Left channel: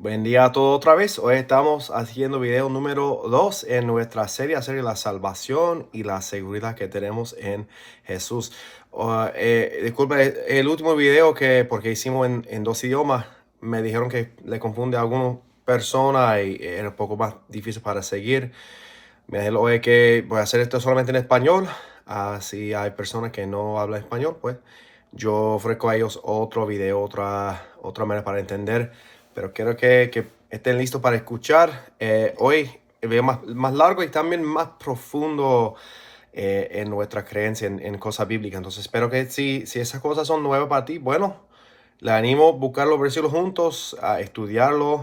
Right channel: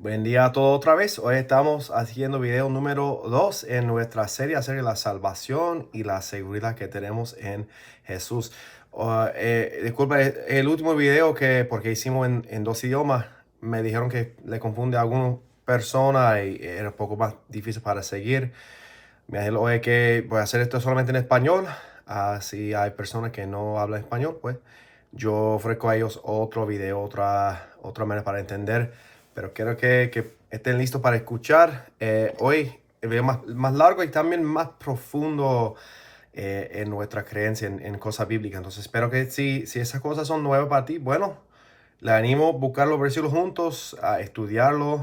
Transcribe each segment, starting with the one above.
Buen día a todos otra vez. Hoy estamos haciendo video número 2 en nuestra serie acerca de la salvación y la seguridad que tenemos en Jesús. Disculpa, el último video porque hicimos en dos idiomas, me dijeron que le confunde a algunas personas y era un poco más difícil para seguir. Me dijeron hoy que voy a hacer esto solamente en español. Si hay personas que no hablan español, pues yo ofrezco a ellos otro video, otra manera para entender. Pero quiero que estén listos para escuchar. Hoy veo más largo y también más profundo en nuestra creencia en cosas bíblicas. Entonces espero que si esas cosas son nuevas para ti, bueno, le animo a buscar los versículos juntos, a estudiarlos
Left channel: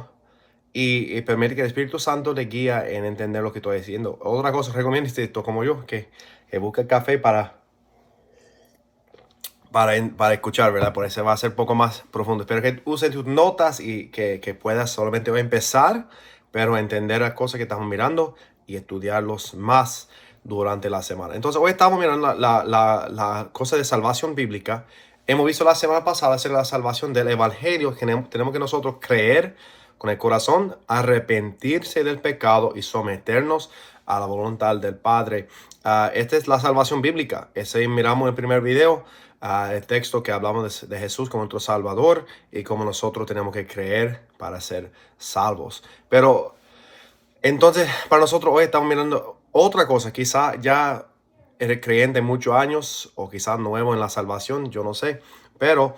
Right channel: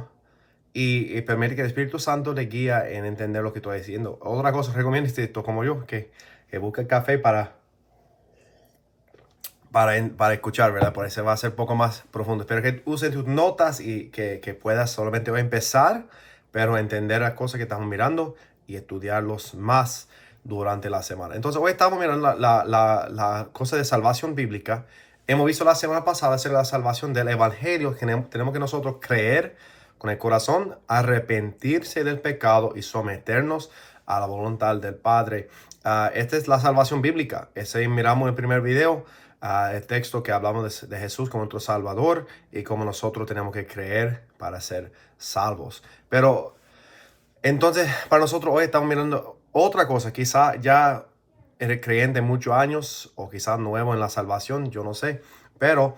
y permite que el Espíritu Santo te guíe en entender lo que estoy diciendo. Otra cosa, recomiendo esto como yo, que busque el café para escuchar, ¿verdad? Por eso va a ser un poco más profundo. Espero que usen tus notas y que puedas solamente hoy empezar, pero entender las cosas que estamos mirando y estudiarlos más durante la semana. Entonces, hoy estamos mirando la cosa de salvación bíblica. Hemos visto la semana pasada hacer la salvación del Evangelio, que tenemos que nosotros creer con el corazón, arrepentirse del pecado y someternos a la voluntad del Padre. Esta es la salvación bíblica. Ese miramos en el primer video, el texto que hablamos de Jesús como nuestro Salvador y cómo nosotros tenemos que creer para ser salvos. Pero entonces, para nosotros hoy estamos mirando otra cosa. Quizá ya eres creyente muchos años o quizás nuevo en la salvación, yo no sé. Pero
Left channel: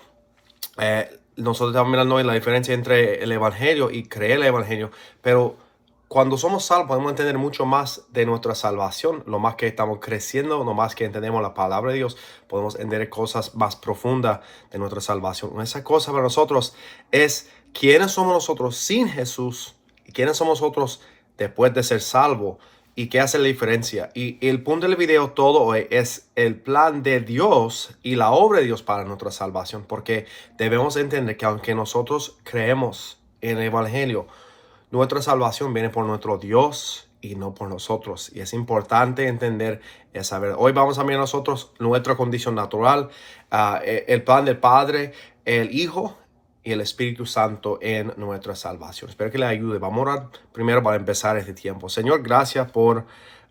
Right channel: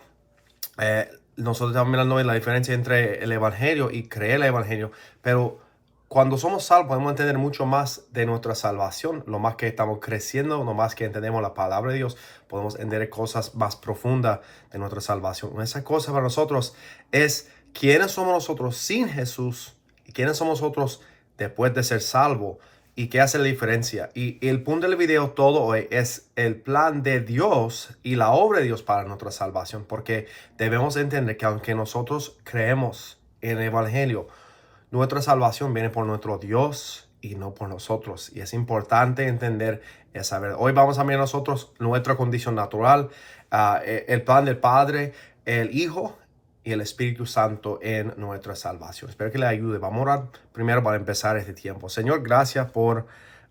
nosotros estamos mirando hoy la diferencia entre el Evangelio y creer el Evangelio. Pero cuando somos salvos podemos entender mucho más de nuestra salvación. Lo más que estamos creciendo, lo más que entendemos la palabra de Dios, podemos entender cosas más profundas de nuestra salvación. Esa cosa para nosotros es quiénes somos nosotros sin Jesús y quiénes somos nosotros después de ser salvos y qué hace la diferencia. Y el punto del video todo hoy es el plan de Dios y la obra de Dios para nuestra salvación, porque debemos entender que aunque nosotros creemos en el Evangelio, nuestra salvación viene por nuestro Dios y no por nosotros. Y es importante entender esa verdad. Hoy vamos a mirar nosotros nuestra condición natural, el plan del Padre, el Hijo y el Espíritu Santo en nuestra salvación. Espero que le ayude. Vamos a orar primero para empezar este tiempo. Señor, gracias por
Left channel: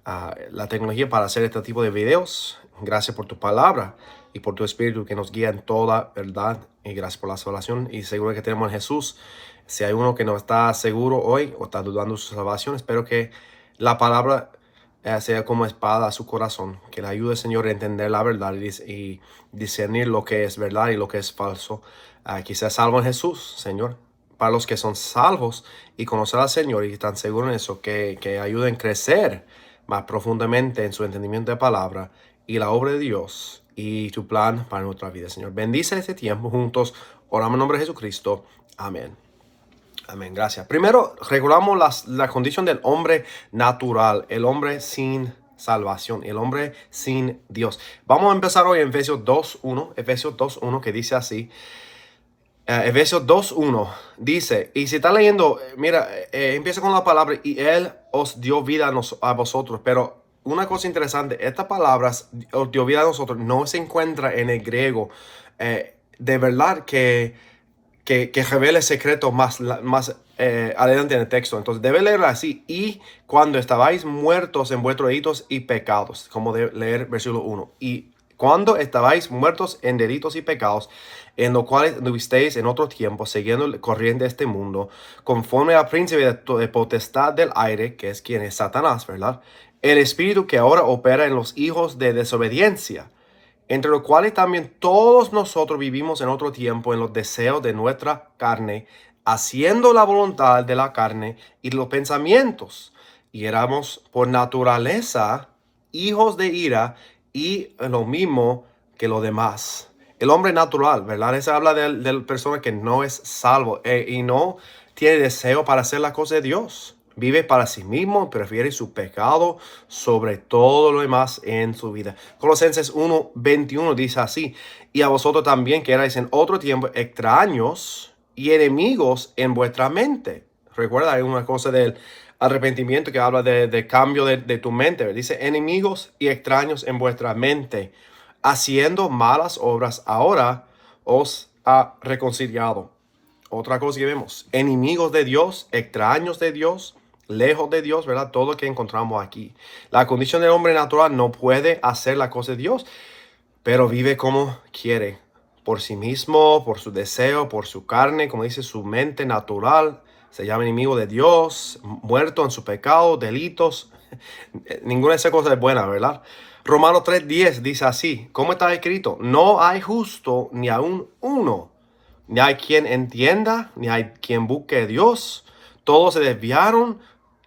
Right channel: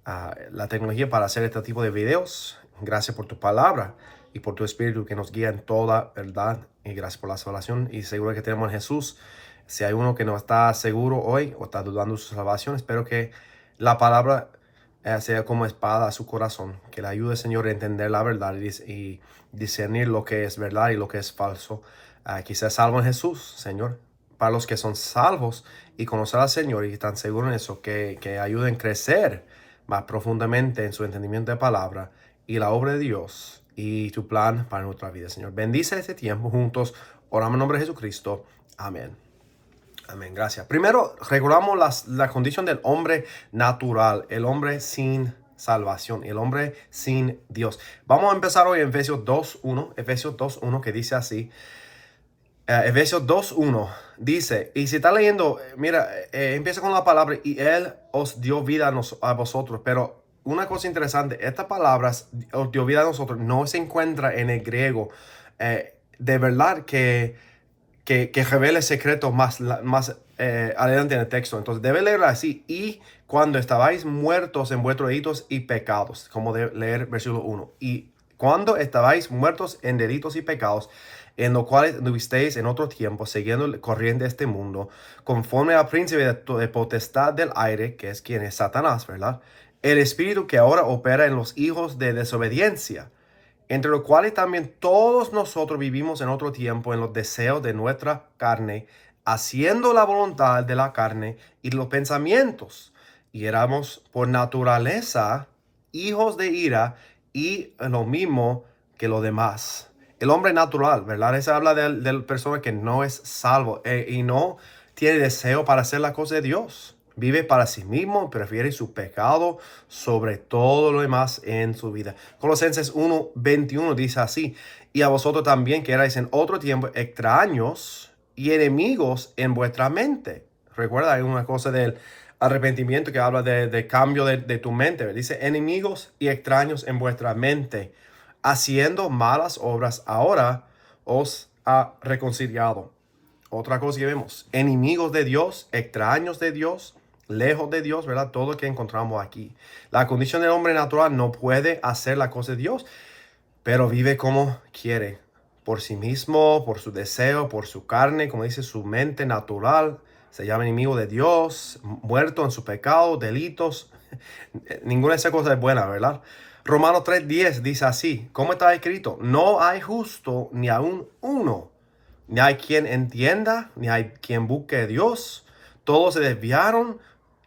la tecnología para hacer este tipo de videos. Gracias por tu palabra y por tu Espíritu que nos guía en toda verdad. Y gracias por la salvación y seguro que tenemos en Jesús. Si hay uno que no está seguro hoy o está dudando de su salvación, espero que la palabra sea como espada a su corazón, que le ayude, Señor, a entender la verdad y discernir lo que es verdad y lo que es falso. Que sea salvo en Jesús, Señor. Para los que son salvos y conocer al Señor y están seguros en eso, que ayuden a crecer más profundamente en su entendimiento de palabra y la obra de Dios y tu plan para nuestra vida, Señor. Bendice este tiempo juntos. Oramos en nombre de Jesucristo. Amén. Amén, gracias. Primero, recordamos la condición del hombre natural, el hombre sin salvación, el hombre sin Dios. Vamos a empezar hoy en Efesios 2.1, Efesios 2.1 que dice así. Efesios 2.1 dice, y si está leyendo, mira, empieza con la palabra, y Él os dio vida a vosotros, pero una cosa interesante, estas palabras, os dio vida a nosotros, no se encuentra en el griego. De verdad que revela secretos más adelante en el texto. Entonces debe leer así. Y cuando estabais muertos en vuestros delitos y pecados, como de leer versículo 1. Y cuando estabais muertos en delitos y pecados, en los cuales anduvisteis en otro tiempo, siguiendo el corriente de este mundo, conforme al príncipe de potestad del aire, que es quien es Satanás, ¿verdad? El espíritu que ahora opera en los hijos de desobediencia, entre los cuales también todos nosotros vivimos en otro tiempo en los deseos de nuestra carne, haciendo la voluntad de la carne y los pensamientos. Y éramos por naturaleza hijos de ira y lo mismo que los demás. El hombre natural, ¿verdad? Eso habla de persona que no es salvo y no tiene deseo para hacer la cosa de Dios. Vive para sí mismo, prefiere su pecado sobre todo lo demás en su vida. Colosenses 1:21 dice así, y a vosotros también que erais en otro tiempo extraños y enemigos en vuestra mente. Recuerda, hay una cosa del arrepentimiento que habla de cambio de tu mente. Dice, enemigos y extraños en vuestra mente, haciendo malas obras, ahora os ha reconciliado Otra cosa que vemos, enemigos de Dios, extraños de Dios, lejos de Dios, ¿verdad? Todo lo que encontramos aquí. La condición del hombre natural no puede hacer la cosa de Dios, pero vive como quiere, por sí mismo, por su deseo, por su carne, como dice, su mente natural. Se llama enemigo de Dios, muerto en su pecado, delitos. Ninguna de esas cosas es buena, ¿verdad? Romanos 3:10 dice así, ¿cómo está escrito? No hay justo ni aún uno, ni hay quien entienda, ni hay quien busque a Dios. Todos se desviaron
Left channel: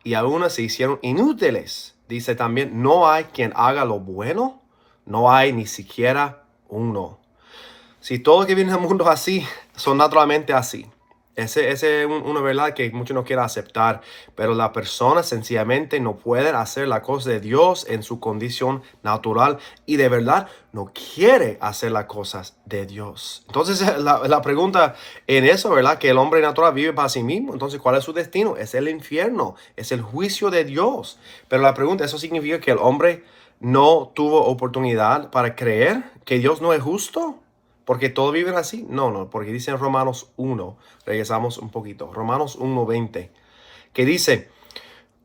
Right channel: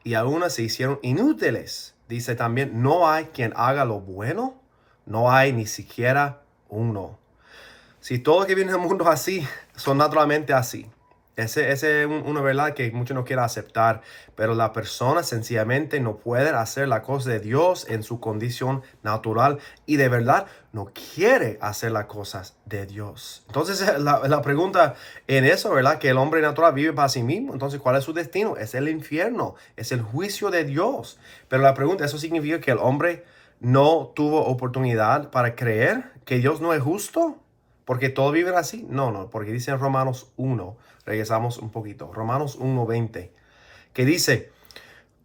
y algunos se hicieron inútiles. Dice también, no hay quien haga lo bueno, no hay ni siquiera uno. Si todos que vienen al mundo así, son naturalmente así. Ese es una verdad que muchos no quieren aceptar, pero la persona sencillamente no puede hacer la cosa de Dios en su condición natural y de verdad no quiere hacer las cosas de Dios. Entonces la pregunta en eso, ¿verdad? Que el hombre natural vive para sí mismo. Entonces, ¿cuál es su destino? Es el infierno, es el juicio de Dios. Pero la pregunta, ¿eso significa que el hombre no tuvo oportunidad para creer que Dios no es justo? Porque todos viven así. No, porque dice en Romanos 1, regresamos un poquito, Romanos 1:20, que dice,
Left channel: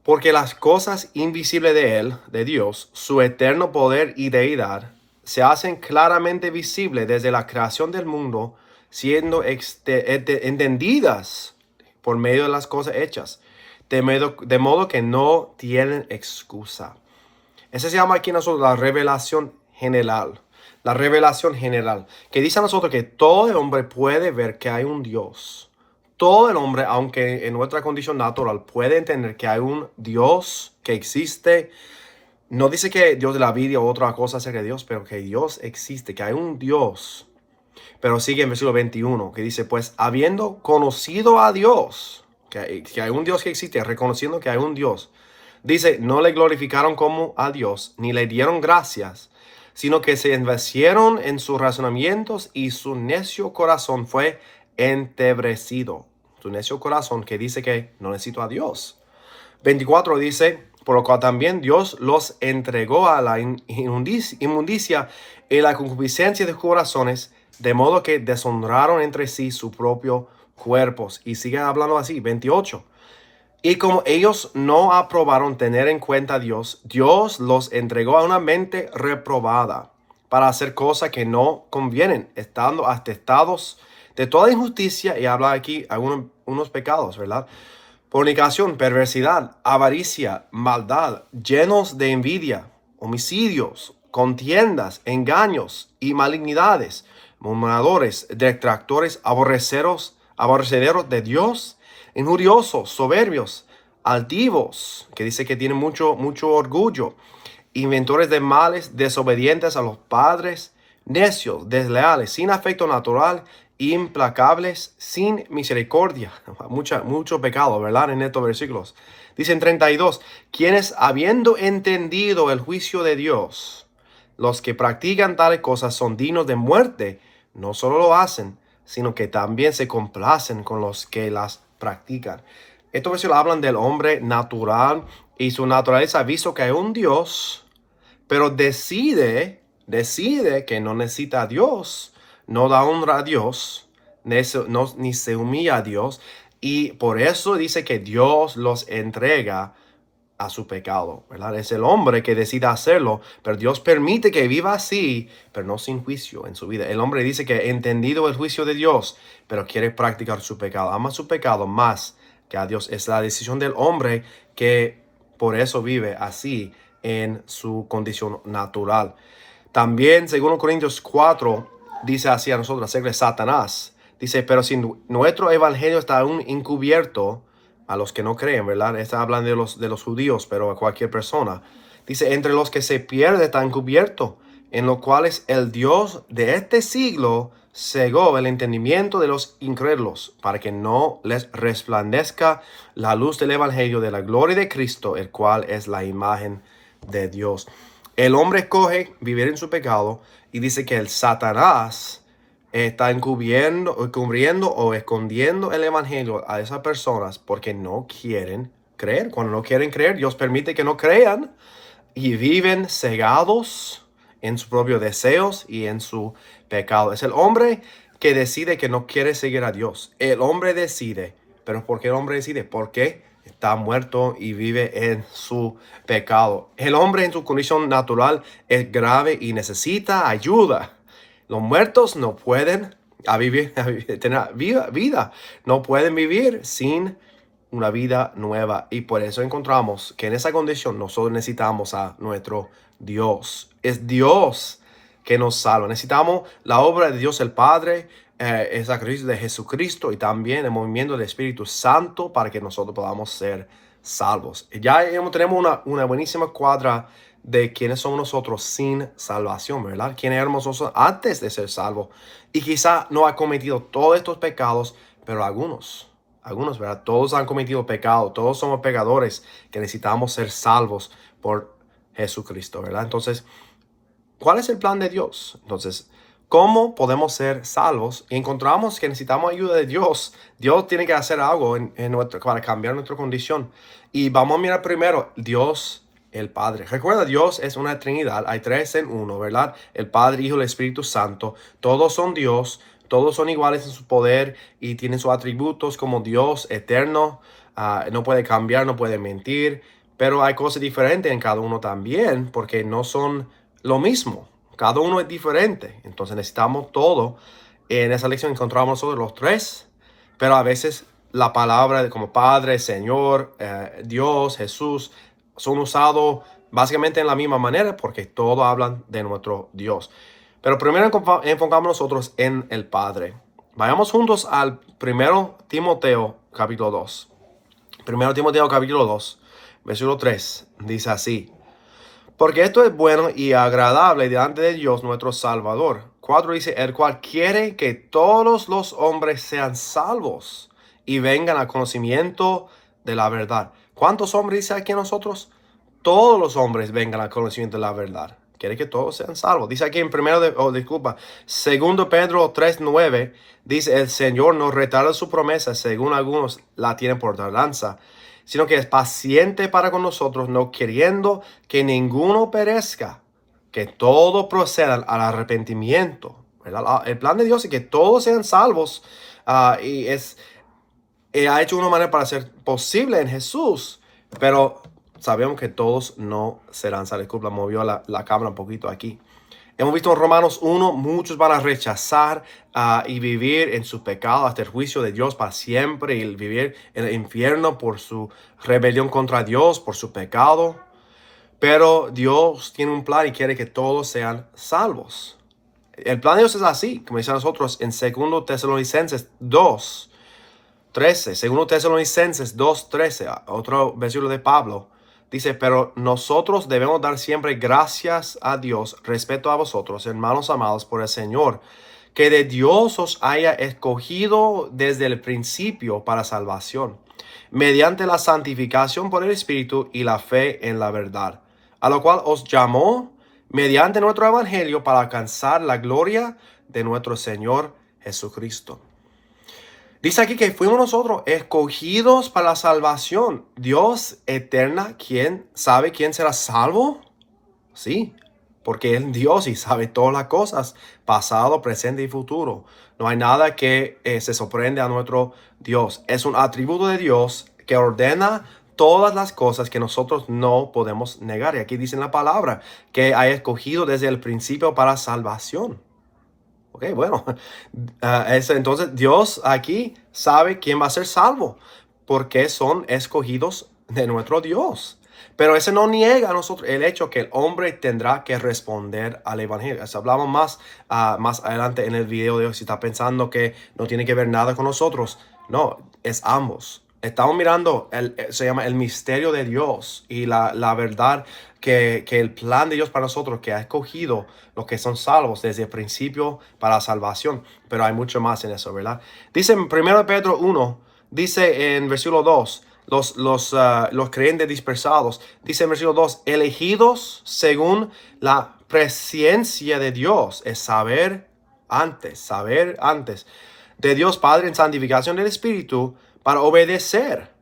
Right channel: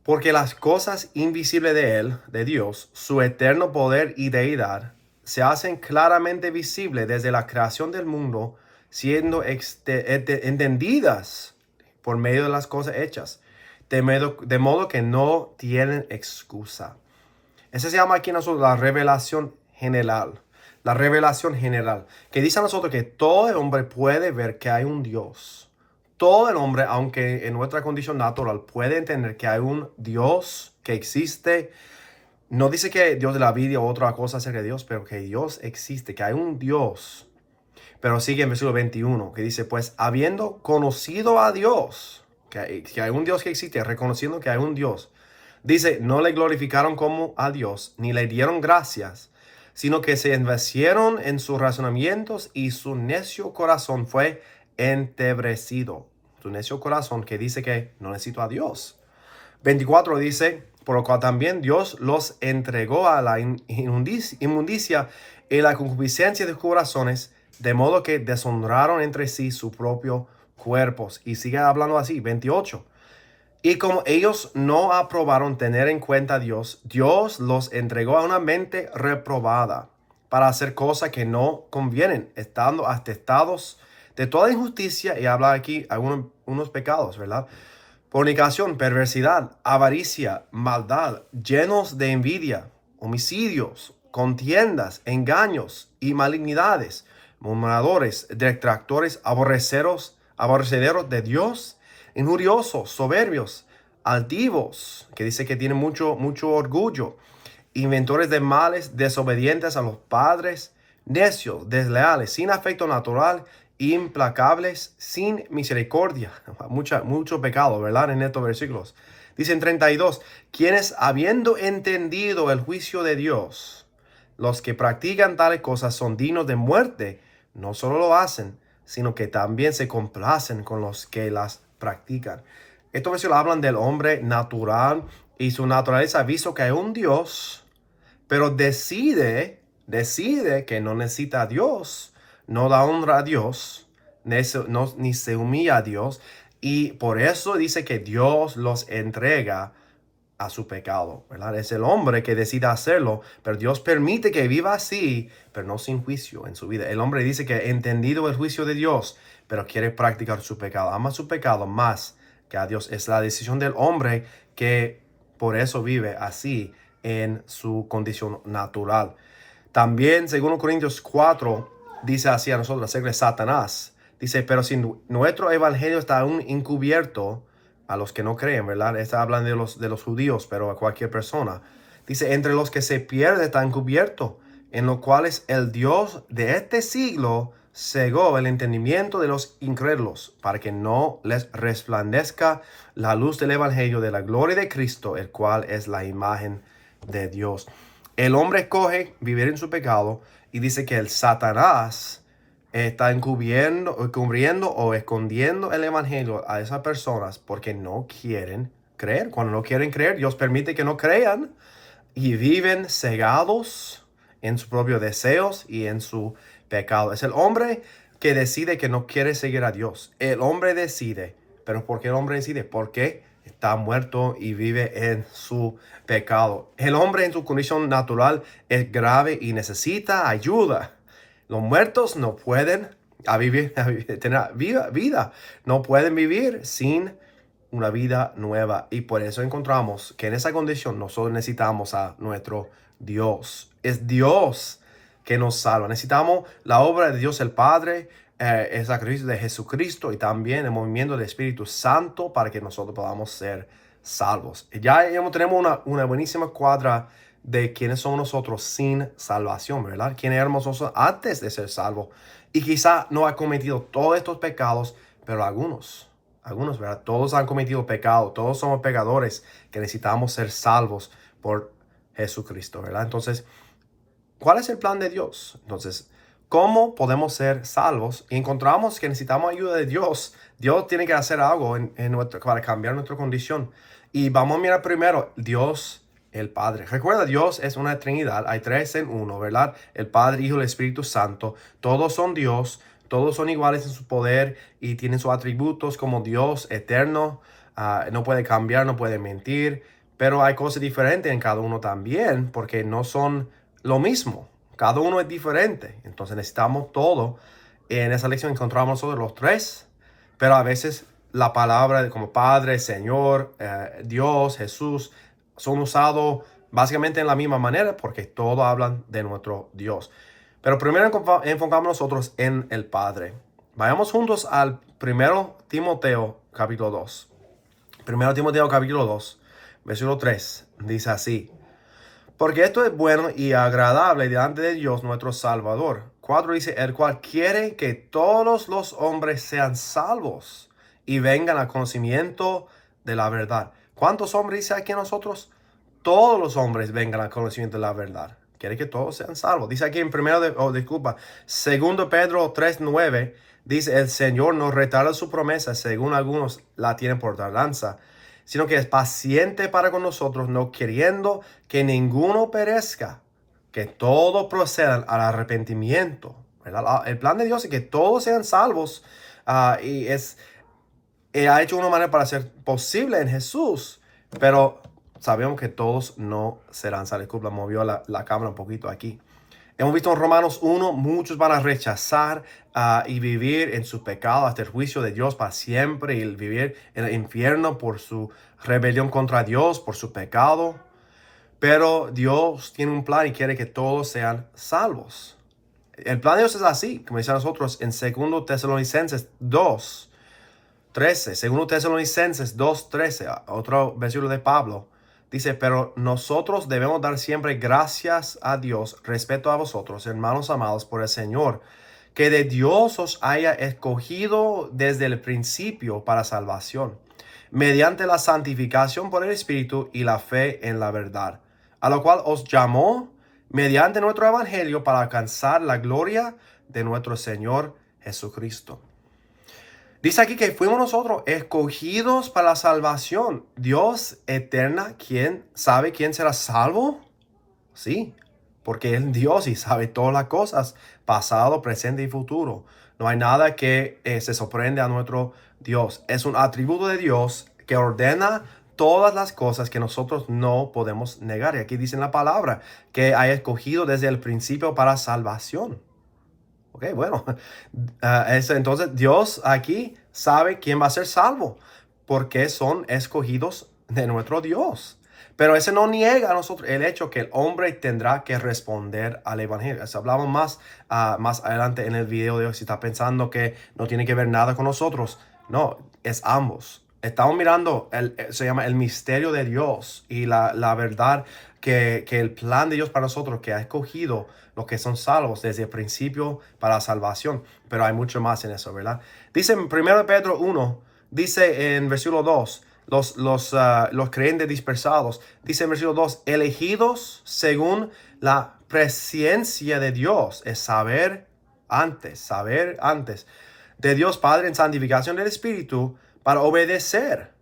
porque las cosas invisibles de Él, de Dios, su eterno poder y deidad, se hacen claramente visibles desde la creación del mundo, siendo entendidas por medio de las cosas hechas, de modo que no tienen excusa. Ese se llama aquí nosotros la revelación general. La revelación general, que dice a nosotros que todo el hombre puede ver que hay un Dios. Todo el hombre, aunque en nuestra condición natural, puede entender que hay un Dios que existe. No dice que Dios de la vida o otra cosa acerca de Dios, pero que Dios existe, que hay un Dios. Pero sigue en versículo 21, que dice, pues habiendo conocido a Dios, que hay un Dios que existe, reconociendo que hay un Dios, dice, no le glorificaron como a Dios, ni le dieron gracias, sino que se envanecieron en sus razonamientos y su necio corazón fue entebrecido. Su necio corazón que dice que no necesito a Dios. 24 dice, por lo cual también Dios los entregó a la inmundicia y la concupiscencia de sus corazones, de modo que deshonraron entre sí su propio cuerpos. Y sigue hablando así, 28. Y como ellos no aprobaron tener en cuenta a Dios, Dios los entregó a una mente reprobada para hacer cosas que no convienen, estando atestados de toda injusticia. Y habla aquí unos pecados, ¿verdad? Fornicación, perversidad, avaricia, maldad, llenos de envidia, homicidios, contiendas, engaños y malignidades, murmuradores, detractores, aborrecederos de Dios, injuriosos, soberbios, altivos, que dice que tienen mucho orgullo, inventores de males, desobedientes a los padres, necios, desleales, sin afecto natural, implacables, sin misericordia. Mucho pecado, ¿verdad? En estos versículos. Dicen 32, quienes habiendo entendido el juicio de Dios, los que practican tales cosas son dignos de muerte, no solo lo hacen, sino que también se complacen con los que las practican. Estos versículos hablan del hombre natural y su naturaleza, visto que hay un Dios, pero decide que no necesita a Dios, no da honra a Dios, ni se humilla a Dios, y por eso dice que Dios los entrega a su pecado, ¿verdad? Es el hombre que decide hacerlo, pero Dios permite que viva así, pero no sin juicio en su vida. El hombre dice que ha entendido el juicio de Dios, pero quiere practicar su pecado, ama su pecado más que a Dios. Es la decisión del hombre que por eso vive así en su condición natural. También, según Corintios 4, dice así a nosotros acerca de Satanás. Dice, pero si nuestro evangelio está aún encubierto a los que no creen, ¿verdad? Está hablando de los judíos, pero a cualquier persona. Dice, entre los que se pierde está encubierto, en los cuales el Dios de este siglo cegó el entendimiento de los incrédulos, para que no les resplandezca la luz del evangelio de la gloria de Cristo, el cual es la imagen de Dios. El hombre escoge vivir en su pecado y dice que el Satanás está encubriendo o escondiendo el evangelio a esas personas porque no quieren creer. Cuando no quieren creer, Dios permite que no crean y viven cegados en sus propios deseos y en su pecado. Es el hombre que decide que no quiere seguir a Dios. El hombre decide. ¿Pero por qué el hombre decide? Porque está muerto y vive en su pecado. El hombre en su condición natural es grave y necesita ayuda. Los muertos no pueden tener vida. No pueden vivir sin una vida nueva. Y por eso encontramos que en esa condición nosotros necesitamos a nuestro Dios. Es Dios que nos salva. Necesitamos la obra de Dios el Padre, el sacrificio de Jesucristo y también el movimiento del Espíritu Santo para que nosotros podamos ser salvos. Ya tenemos una buenísima cuadra de quiénes somos nosotros sin salvación, ¿verdad? Quiénes éramos nosotros antes de ser salvos. Y quizá no ha cometido todos estos pecados, pero algunos, ¿verdad? Todos han cometido pecado, todos somos pecadores que necesitamos ser salvos por Jesucristo, ¿verdad? Entonces, ¿cuál es el plan de Dios? Entonces, ¿cómo podemos ser salvos? Y encontramos que necesitamos ayuda de Dios. Dios tiene que hacer algo para cambiar nuestra condición. Y vamos a mirar primero, Dios el Padre. Recuerda, Dios es una Trinidad, hay tres en uno, ¿verdad? El Padre, Hijo y el Espíritu Santo. Todos son Dios, todos son iguales en su poder y tienen sus atributos como Dios eterno. No puede cambiar, no puede mentir, pero hay cosas diferentes en cada uno también, porque no son lo mismo. Cada uno es diferente. Entonces necesitamos todo. En esa lección encontramos nosotros los tres, pero a veces la palabra como Padre, Señor, Dios, Jesús, son usados básicamente en la misma manera porque todos hablan de nuestro Dios. Pero primero enfocamos nosotros en el Padre. Vayamos juntos al 1 Timoteo capítulo 2. 1 Timoteo capítulo 2, versículo 3, dice así: porque esto es bueno y agradable delante de Dios nuestro Salvador. 4 dice: el cual quiere que todos los hombres sean salvos y vengan al conocimiento de la verdad. ¿Cuántos hombres dice aquí a nosotros? Todos los hombres vengan al conocimiento de la verdad. Quiere que todos sean salvos. Dice aquí en segundo Pedro 3:9, dice: el Señor no retarda su promesa, según algunos la tienen por tardanza, sino que es paciente para con nosotros, no queriendo que ninguno perezca, que todos procedan al arrepentimiento, ¿verdad? El plan de Dios es que todos sean salvos, y ha hecho una manera para ser posible en Jesús, pero sabemos que todos no serán salvos. Disculpa, movió la cámara un poquito aquí. Hemos visto en Romanos 1, muchos van a rechazar y vivir en su pecado hasta el juicio de Dios para siempre y vivir en el infierno por su rebelión contra Dios, por su pecado. Pero Dios tiene un plan y quiere que todos sean salvos. El plan de Dios es así, como dice nosotros en 2 Tesalonicenses 2:13. 2 Tesalonicenses 2:13, otro versículo de Pablo. Dice: pero nosotros debemos dar siempre gracias a Dios respecto a vosotros, hermanos amados por el Señor, que de Dios os haya escogido desde el principio para salvación, mediante la santificación por el Espíritu y la fe en la verdad, a lo cual os llamó mediante nuestro evangelio para alcanzar la gloria de nuestro Señor Jesucristo. Dice aquí que fuimos nosotros escogidos para la salvación. Dios eterna, ¿quién sabe quién será salvo? Sí, porque Él es Dios y sabe todas las cosas, pasado, presente y futuro. No hay nada que se sorprende a nuestro Dios. Es un atributo de Dios que ordena todas las cosas que nosotros no podemos negar. Y aquí dice en la palabra que ha escogido desde el principio para salvación. Ok, bueno, entonces Dios aquí sabe quién va a ser salvo, porque son escogidos de nuestro Dios. Pero eso no niega a nosotros el hecho que el hombre tendrá que responder al evangelio. Eso hablamos más adelante en el video de hoy. Si está pensando que no tiene que ver nada con nosotros, no, es ambos. Estamos mirando, se llama el misterio de Dios y la verdad que el plan de Dios para nosotros, que ha escogido los que son salvos desde el principio para la salvación. Pero hay mucho más en eso, ¿verdad? Dice en 1 Pedro 1, dice en versículo 2, los creyentes dispersados. Dice en versículo 2, elegidos según la presciencia de Dios. Es saber antes de Dios Padre en santificación del Espíritu, para obedecer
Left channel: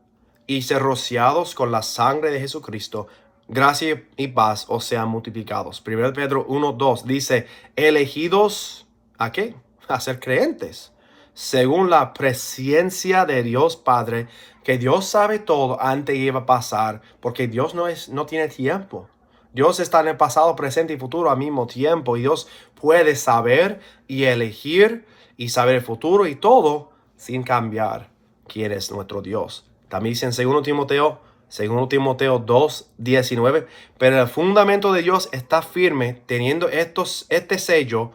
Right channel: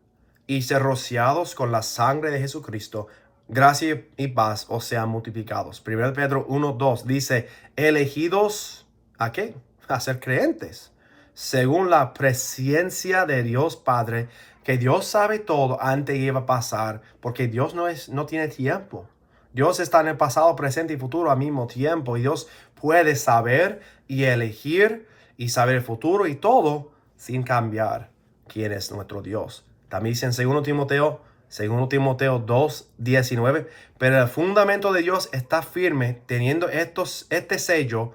y ser rociados con la sangre de Jesucristo. Gracia y paz os sean multiplicados. 1 Pedro 1:2 dice: elegidos, ¿a qué? a ser creyentes, según la presencia de Dios Padre, que Dios sabe todo antes que iba a pasar, porque Dios no tiene tiempo. Dios está en el pasado, presente y futuro al mismo tiempo, y Dios puede saber y elegir y saber el futuro y todo sin cambiar quién es nuestro Dios. También dice en 2 Timoteo 2:19, pero el fundamento de Dios está firme, teniendo este sello:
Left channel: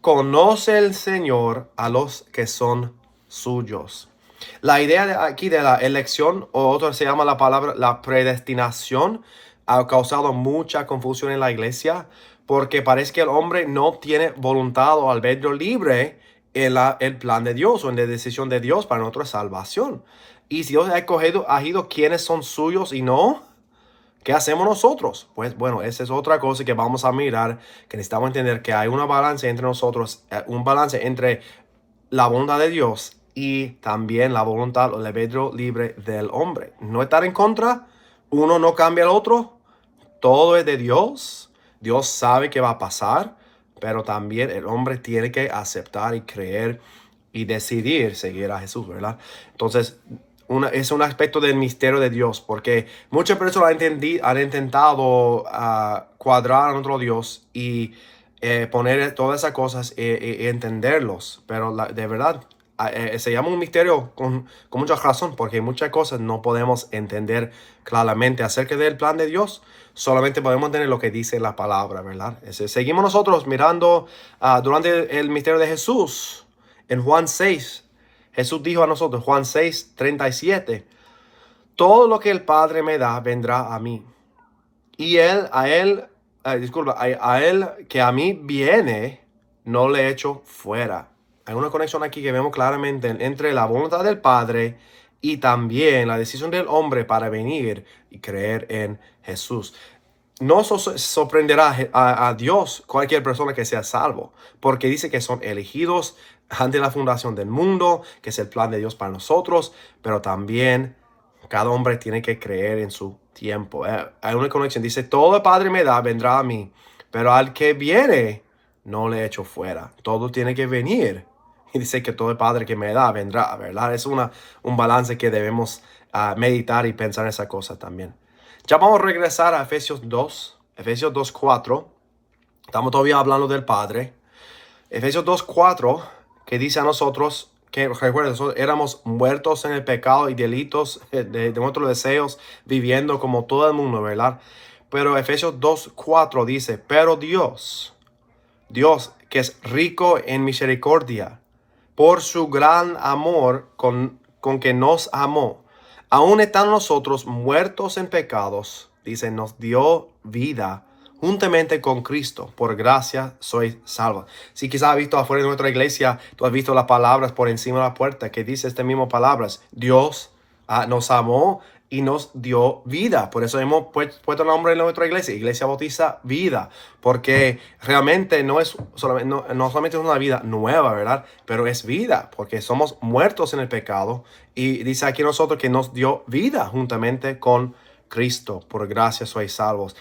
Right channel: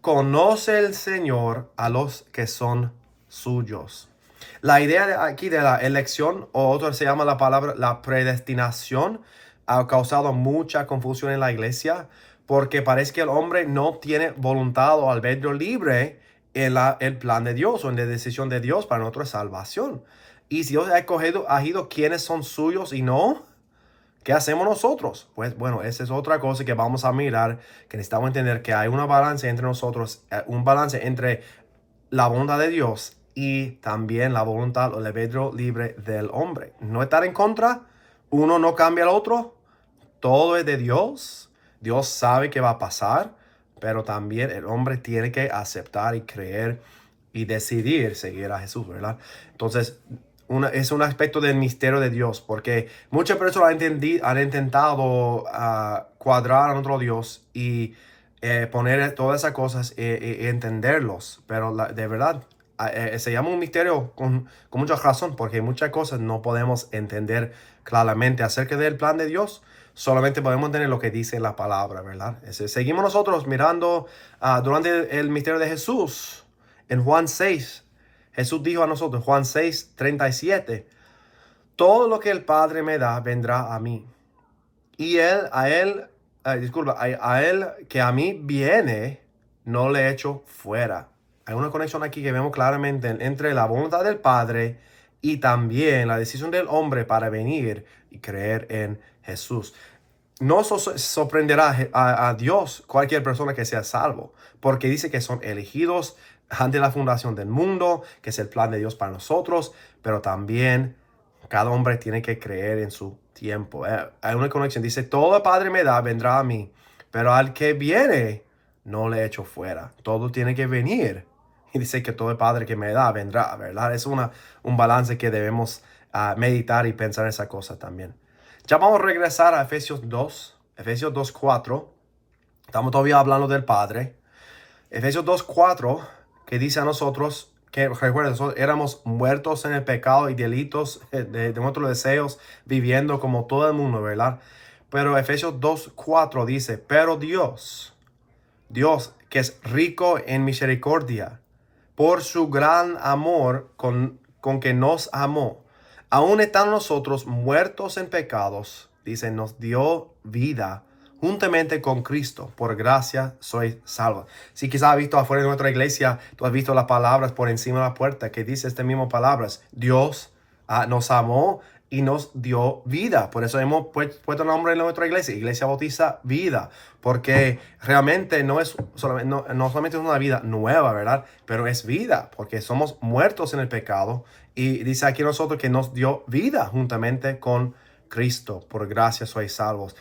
conoce el Señor a los que son suyos. La idea aquí de la elección, o otro se llama la palabra la predestinación, ha causado mucha confusión en la iglesia, porque parece que el hombre no tiene voluntad o albedrío libre en el plan de Dios o en la decisión de Dios para nuestra salvación. Y si Dios ha escogido quiénes son suyos y no, ¿qué hacemos nosotros? Pues bueno, esa es otra cosa que vamos a mirar, que necesitamos entender que hay una balance entre nosotros, un balance entre la voluntad de Dios y también la voluntad o el albedrío libre del hombre. No estar en contra, uno no cambia al otro, todo es de Dios. Dios sabe qué va a pasar, pero también el hombre tiene que aceptar y creer y decidir seguir a Jesús, ¿verdad? Entonces, es un aspecto del misterio de Dios, porque muchas personas han intentado cuadrar a nuestro Dios y poner todas esas cosas y entenderlos, pero de verdad se llama un misterio con mucha razón, porque muchas cosas no podemos entender claramente acerca del plan de Dios. Solamente podemos entender lo que dice la palabra, ¿verdad? Seguimos nosotros mirando durante el misterio de Jesús. En Juan 6, Jesús dijo a nosotros, Juan 6:37, todo lo que el Padre me da vendrá a mí. Y a él que a mí viene, no le echo fuera. Hay una conexión aquí que vemos claramente entre la voluntad del Padre y también la decisión del hombre para venir y creer en Jesús. No sorprenderá a Dios cualquier persona que sea salvo, porque dice que son elegidos ante la fundación del mundo, que es el plan de Dios para nosotros, pero también cada hombre tiene que creer en su tiempo. Hay una conexión, dice, todo el Padre me da, vendrá a mí, pero al que viene, no le echo fuera. Todo tiene que venir. Y dice que todo el Padre que me da, vendrá, ¿verdad? Es un balance que debemos meditar y pensar en esa cosa también. Ya vamos a regresar a Efesios 2:4. Estamos todavía hablando del Padre. Efesios 2:4, que dice a nosotros que, recuerden, éramos muertos en el pecado y delitos de nuestros deseos, viviendo como todo el mundo, ¿verdad? Pero Efesios 2:4 dice, pero Dios que es rico en misericordia, por su gran amor con que nos amó, aún estando nosotros muertos en pecados, dice, nos dio vida juntamente con Cristo. Por gracia sois salvos. Si quizás has visto afuera de nuestra iglesia, tú has visto las palabras por encima de la puerta que dice estas mismas palabras. Dios nos amó y nos dio vida. Por eso hemos puesto el nombre en nuestra iglesia, Iglesia Bautista Vida, porque realmente no solamente es una vida nueva, ¿verdad? Pero es vida, porque somos muertos en el pecado, y dice aquí nosotros que nos dio vida juntamente con Cristo. Por gracia sois salvos.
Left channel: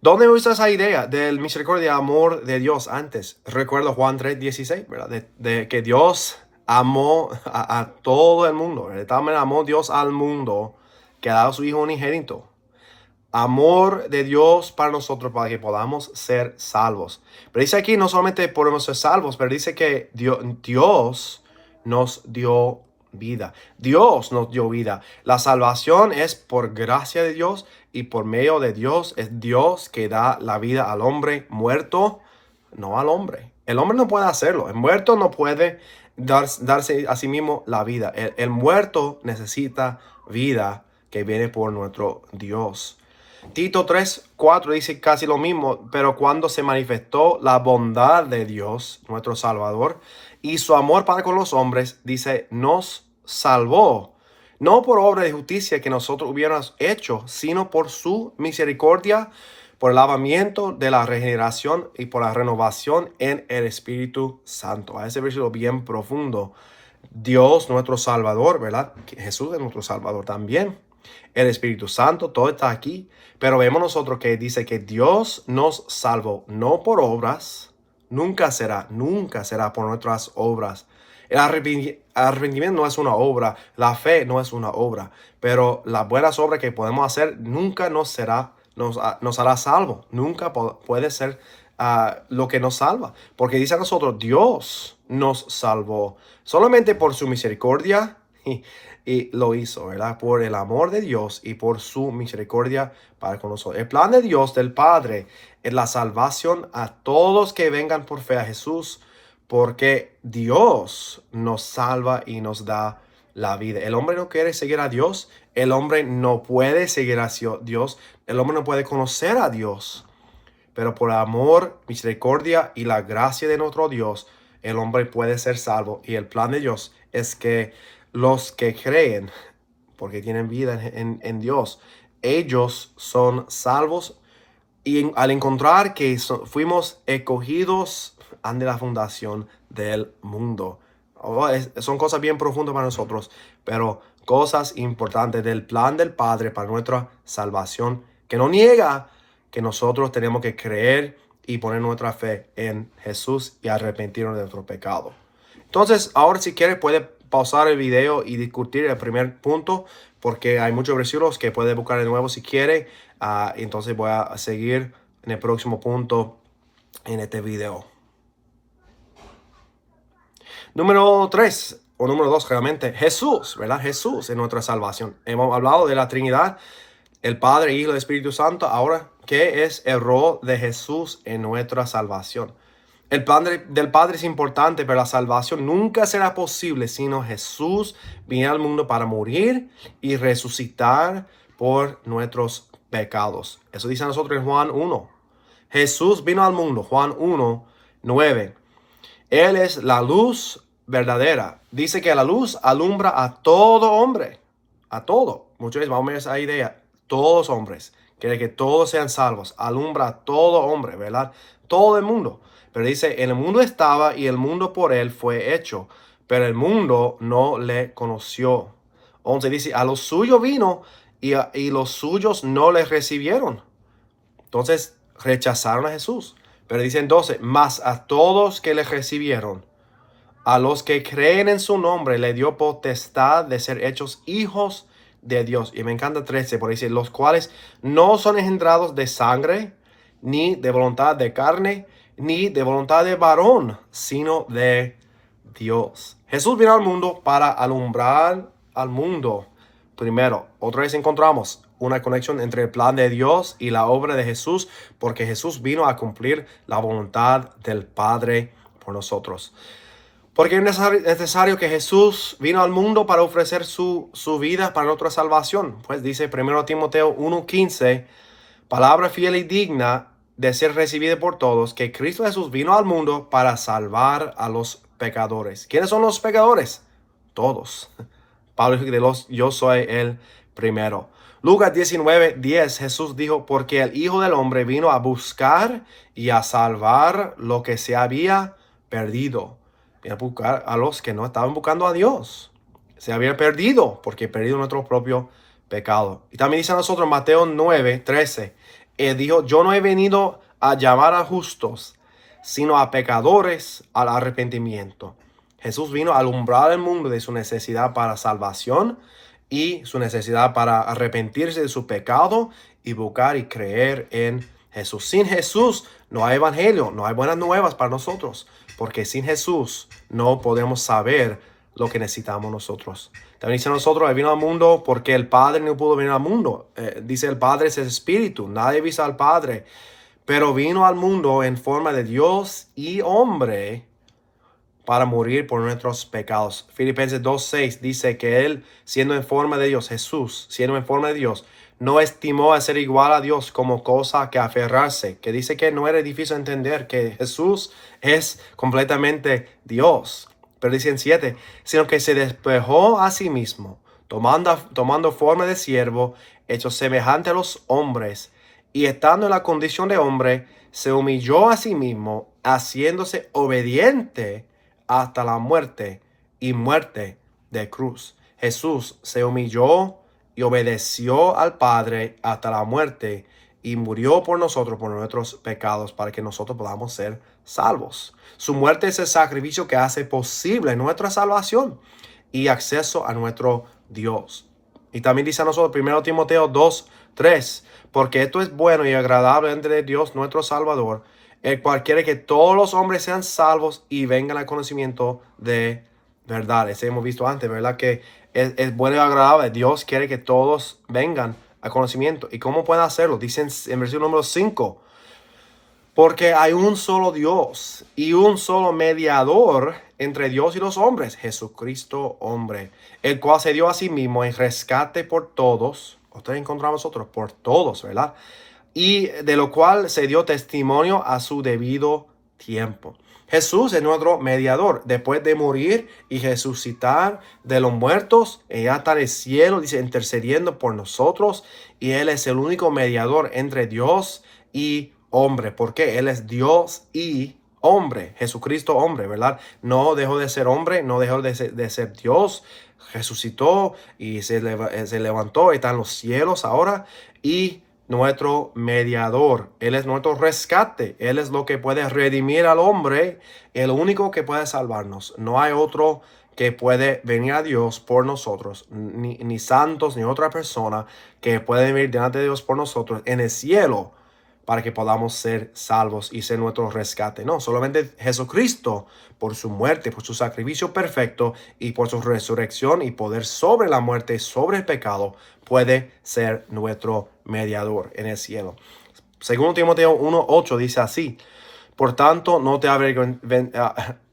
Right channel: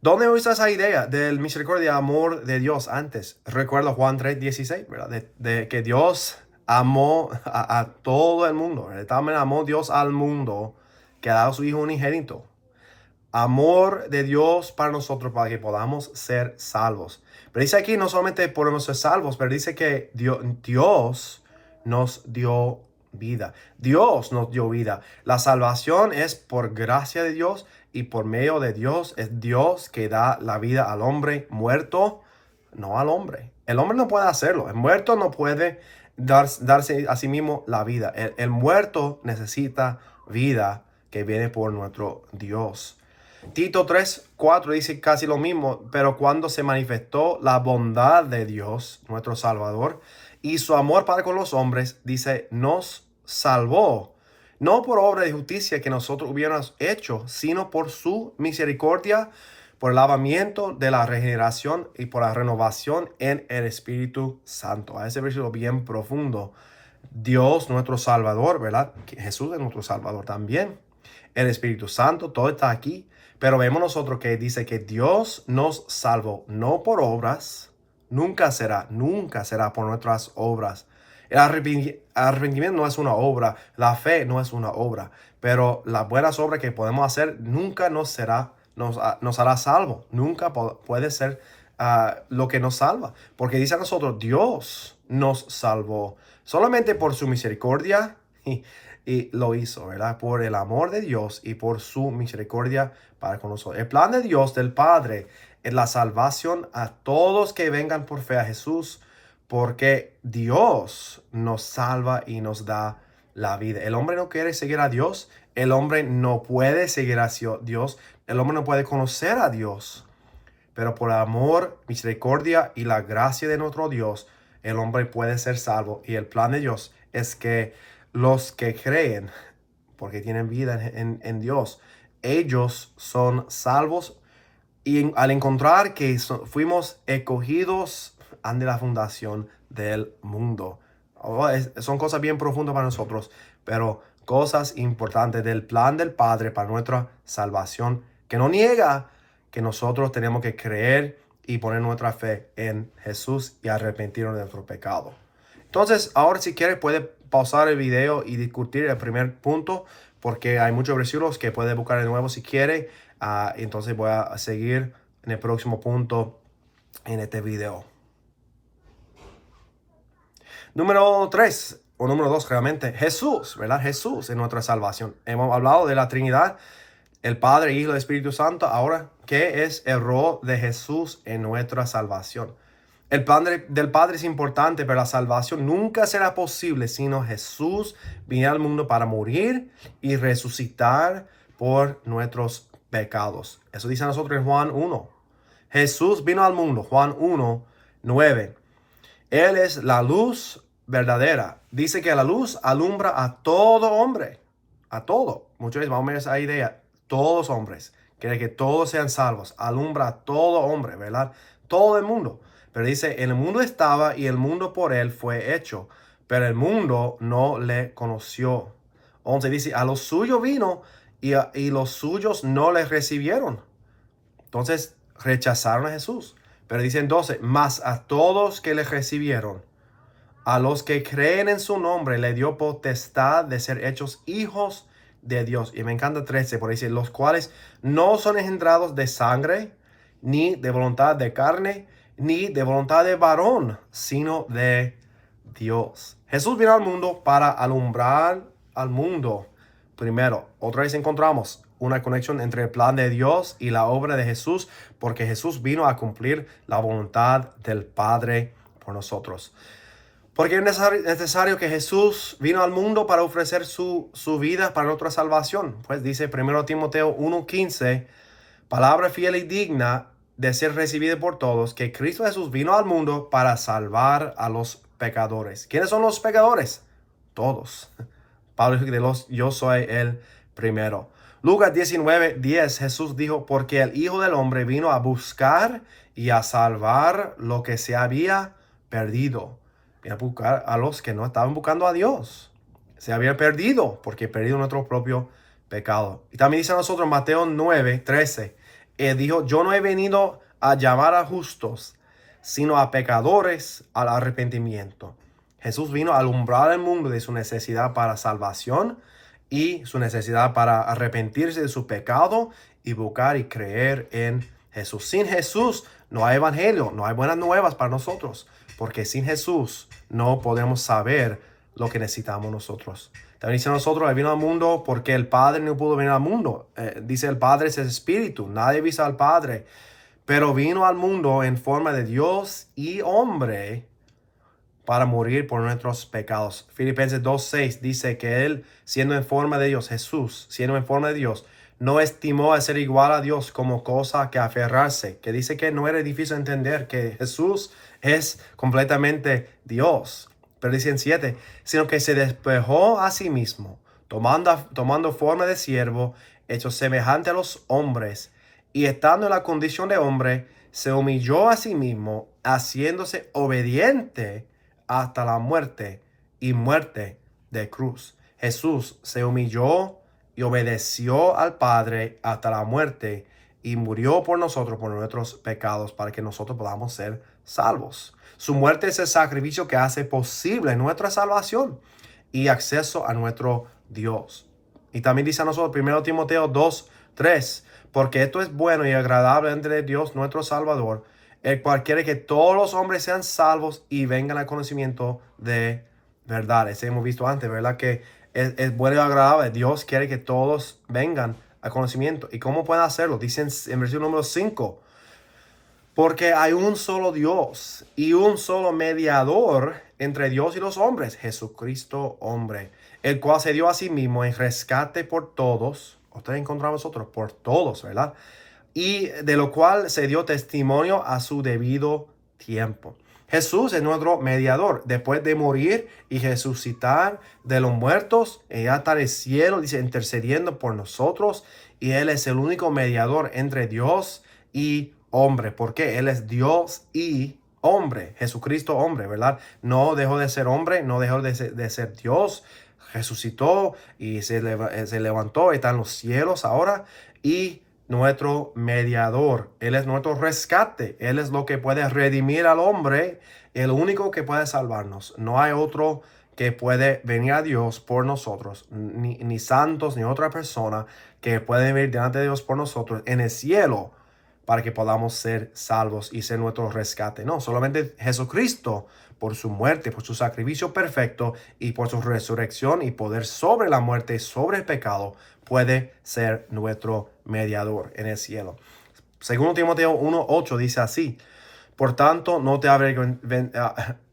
¿Dónde usa esa idea del misericordia y amor de Dios antes? Recuerdo Juan 3:16, ¿verdad? De que Dios amó a todo el mundo. También amó Dios al mundo, que ha dado a su Hijo unigénito. Amor de Dios para nosotros, para que podamos ser salvos. Pero dice aquí, no solamente podemos ser salvos, pero dice que Dios nos dio vida. Dios nos dio vida. La salvación es por gracia de Dios y por medio de Dios. Es Dios que da la vida al hombre muerto, no al hombre. El hombre no puede hacerlo. El muerto no puede darse a sí mismo la vida. El muerto necesita vida que viene por nuestro Dios. Tito 3:4 dice casi lo mismo, pero cuando se manifestó la bondad de Dios, nuestro Salvador, y su amor para con los hombres, dice, nos salvó, no por obra de justicia que nosotros hubiéramos hecho, sino por su misericordia, por el lavamiento de la regeneración y por la renovación en el Espíritu Santo. A ese versículo bien profundo. Dios, nuestro Salvador, ¿verdad? Jesús es nuestro Salvador también. El Espíritu Santo, todo está aquí. Pero vemos nosotros que dice que Dios nos salvó, no por obras, Nunca será por nuestras obras. El arrepentimiento no es una obra, la fe no es una obra, pero las buenas obras que podemos hacer nunca nos hará salvo. Nunca puede ser lo que nos salva. Porque dice a nosotros, Dios nos salvó solamente por su misericordia y lo hizo, ¿verdad? Por el amor de Dios y por su misericordia para con nosotros. El plan de Dios, del Padre, es la salvación a todos que vengan por fe a Jesús, porque Dios nos salva y nos da la vida. El hombre no quiere seguir a Dios, el hombre no puede seguir a Dios, el hombre no puede conocer a Dios, pero por amor, misericordia y la gracia de nuestro Dios, el hombre puede ser salvo. Y el plan de Dios es que los que creen, porque tienen vida en Dios, ellos son salvos. Y al encontrar que fuimos escogidos ante la fundación del mundo. Son cosas bien profundas para nosotros, pero cosas importantes del plan del Padre para nuestra salvación, que no niega que nosotros tenemos que creer y poner nuestra fe en Jesús y arrepentirnos de nuestro pecado. Entonces, ahora si quieres puede pausar el video y discutir el primer punto, porque hay muchos versículos que puede buscar de nuevo si quiere. Entonces voy a seguir en el próximo punto en este video. Número 3 o número 2 realmente, Jesús, ¿verdad? Jesús es nuestra salvación. Hemos hablado de la Trinidad, el Padre, Hijo y el Espíritu Santo. Ahora, ¿qué es el rol de Jesús en nuestra salvación? El plan del Padre es importante, pero la salvación nunca será posible sino Jesús vino al mundo para morir y resucitar por nuestros pecados. Eso dice a nosotros en Juan 1. Jesús vino al mundo, Juan 1, 9. Él es la luz verdadera. Dice que la luz alumbra a todo hombre. A todo. Muchas veces vamos a ver esa idea. Todos hombres. Quiere que todos sean salvos. Alumbra a todo hombre, ¿verdad? Todo el mundo. Pero dice, en el mundo estaba y el mundo por él fue hecho, pero el mundo no le conoció. 11 dice, a los suyos vino y los suyos no le recibieron. Entonces rechazaron a Jesús. Pero dicen 12, mas a todos que le recibieron, a los que creen en su nombre, le dio potestad de ser hechos hijos de Dios. Y me encanta 13, por ahí dice, los cuales no son engendrados de sangre, ni de voluntad de carne, ni de voluntad de varón, sino de Dios. Jesús vino al mundo para alumbrar al mundo. Primero, otra vez encontramos una conexión entre el plan de Dios y la obra de Jesús, porque Jesús vino a cumplir la voluntad del Padre por nosotros. Porque es necesario que Jesús vino al mundo para ofrecer su vida para nuestra salvación. Pues dice 1 Timoteo 1:15, palabra fiel y digna de ser recibida por todos, que Cristo Jesús vino al mundo para salvar a los pecadores. ¿Quiénes son los pecadores? Todos. Pablo dijo, yo soy el primero. Lucas 19:10, Jesús dijo, porque el Hijo del Hombre vino a buscar y a salvar lo que se había perdido. Vino a buscar a los que no estaban buscando a Dios. Se había perdido, porque perdido nuestro propio pecado. Y también dice a nosotros en Mateo 9:13, Él dijo, yo no he venido a llamar a justos, sino a pecadores al arrepentimiento. Jesús vino a alumbrar el mundo de su necesidad para salvación y su necesidad para arrepentirse de su pecado y buscar y creer en Jesús. Sin Jesús no hay evangelio, no hay buenas nuevas para nosotros, porque sin Jesús no podemos saber lo que necesitamos nosotros. También dice a nosotros, Él vino al mundo porque el Padre no pudo venir al mundo. Dice el Padre es el Espíritu, nadie vio al Padre, pero vino al mundo en forma de Dios y hombre para morir por nuestros pecados. Filipenses 2:6 dice que Él, siendo en forma de Dios, Jesús, siendo en forma de Dios, no estimó a ser igual a Dios como cosa que aferrarse, que dice que no era difícil entender que Jesús es completamente Dios. Pero dice en 7, sino que se despojó a sí mismo, tomando forma de siervo, hecho semejante a los hombres, y estando en la condición de hombre, se humilló a sí mismo, haciéndose obediente hasta la muerte y muerte de cruz. Jesús se humilló y obedeció al Padre hasta la muerte y murió por nosotros, por nuestros pecados, para que nosotros podamos ser salvos. Su muerte es el sacrificio que hace posible nuestra salvación y acceso a nuestro Dios. Y también dice a nosotros, 1 Timoteo 2:3, porque esto es bueno y agradable entre Dios nuestro Salvador, el cual quiere que todos los hombres sean salvos y vengan al conocimiento de verdad. Ese hemos visto antes, ¿verdad? Que es bueno y agradable. Dios quiere que todos vengan al conocimiento. ¿Y cómo pueden hacerlo? Dicen en versículo número 5. Porque hay un solo Dios y un solo mediador entre Dios y los hombres, Jesucristo hombre, el cual se dio a sí mismo en rescate por todos. Ustedes encontramos nosotros por todos, ¿verdad? Y de lo cual se dio testimonio a su debido tiempo. Jesús es nuestro mediador. Después de morir y resucitar de los muertos, ella está en el cielo, dice, intercediendo por nosotros. Y Él es el único mediador entre Dios y hombre. Porque Él es Dios y hombre. Jesucristo hombre, ¿verdad? No dejó de ser hombre, no dejó de ser Dios. Resucitó y se levantó, está en los cielos ahora. Y nuestro mediador. Él es nuestro rescate. Él es lo que puede redimir al hombre, el único que puede salvarnos. No hay otro que puede venir a Dios por nosotros, ni santos, ni otra persona que puede venir delante de Dios por nosotros en el cielo para que podamos ser salvos y ser nuestro rescate. No, solamente Jesucristo, por su muerte, por su sacrificio perfecto y por su resurrección y poder sobre la muerte y sobre el pecado, puede ser nuestro mediador en el cielo. Segundo Timoteo 1:8 dice así: por tanto, no te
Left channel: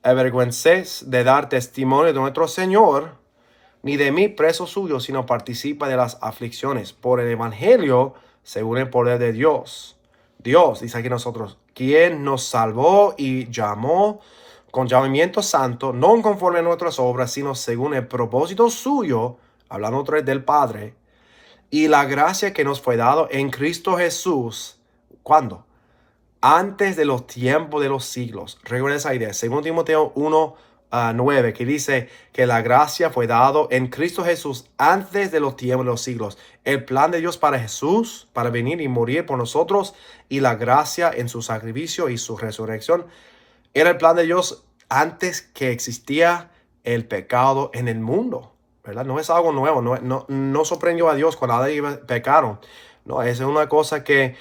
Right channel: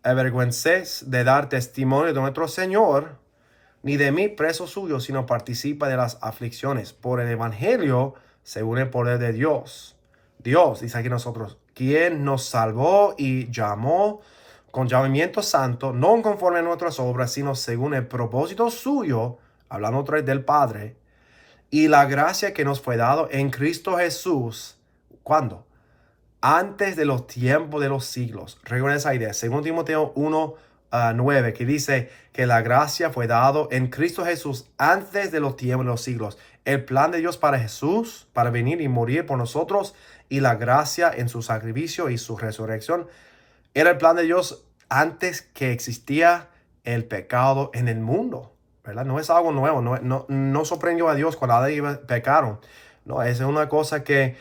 avergüences de dar testimonio de nuestro Señor, ni de mí preso suyo, sino participa de las aflicciones por el evangelio según el poder de Dios. Dios, dice aquí nosotros, quien nos salvó y llamó con llamamiento santo, no conforme a nuestras obras, sino según el propósito suyo, hablando otra vez del Padre, y la gracia que nos fue dado en Cristo Jesús. ¿Cuándo? Antes de los tiempos de los siglos. Recuerda esa idea. Según Timoteo 1:9, que dice que la gracia fue dado en Cristo Jesús antes de los tiempos de los siglos. El plan de Dios para Jesús, para venir y morir por nosotros, y la gracia en su sacrificio y su resurrección, era el plan de Dios antes que existía el pecado en el mundo, ¿verdad? No es algo nuevo, no sorprendió a Dios cuando Adán y Eva pecaron. No, esa es una cosa que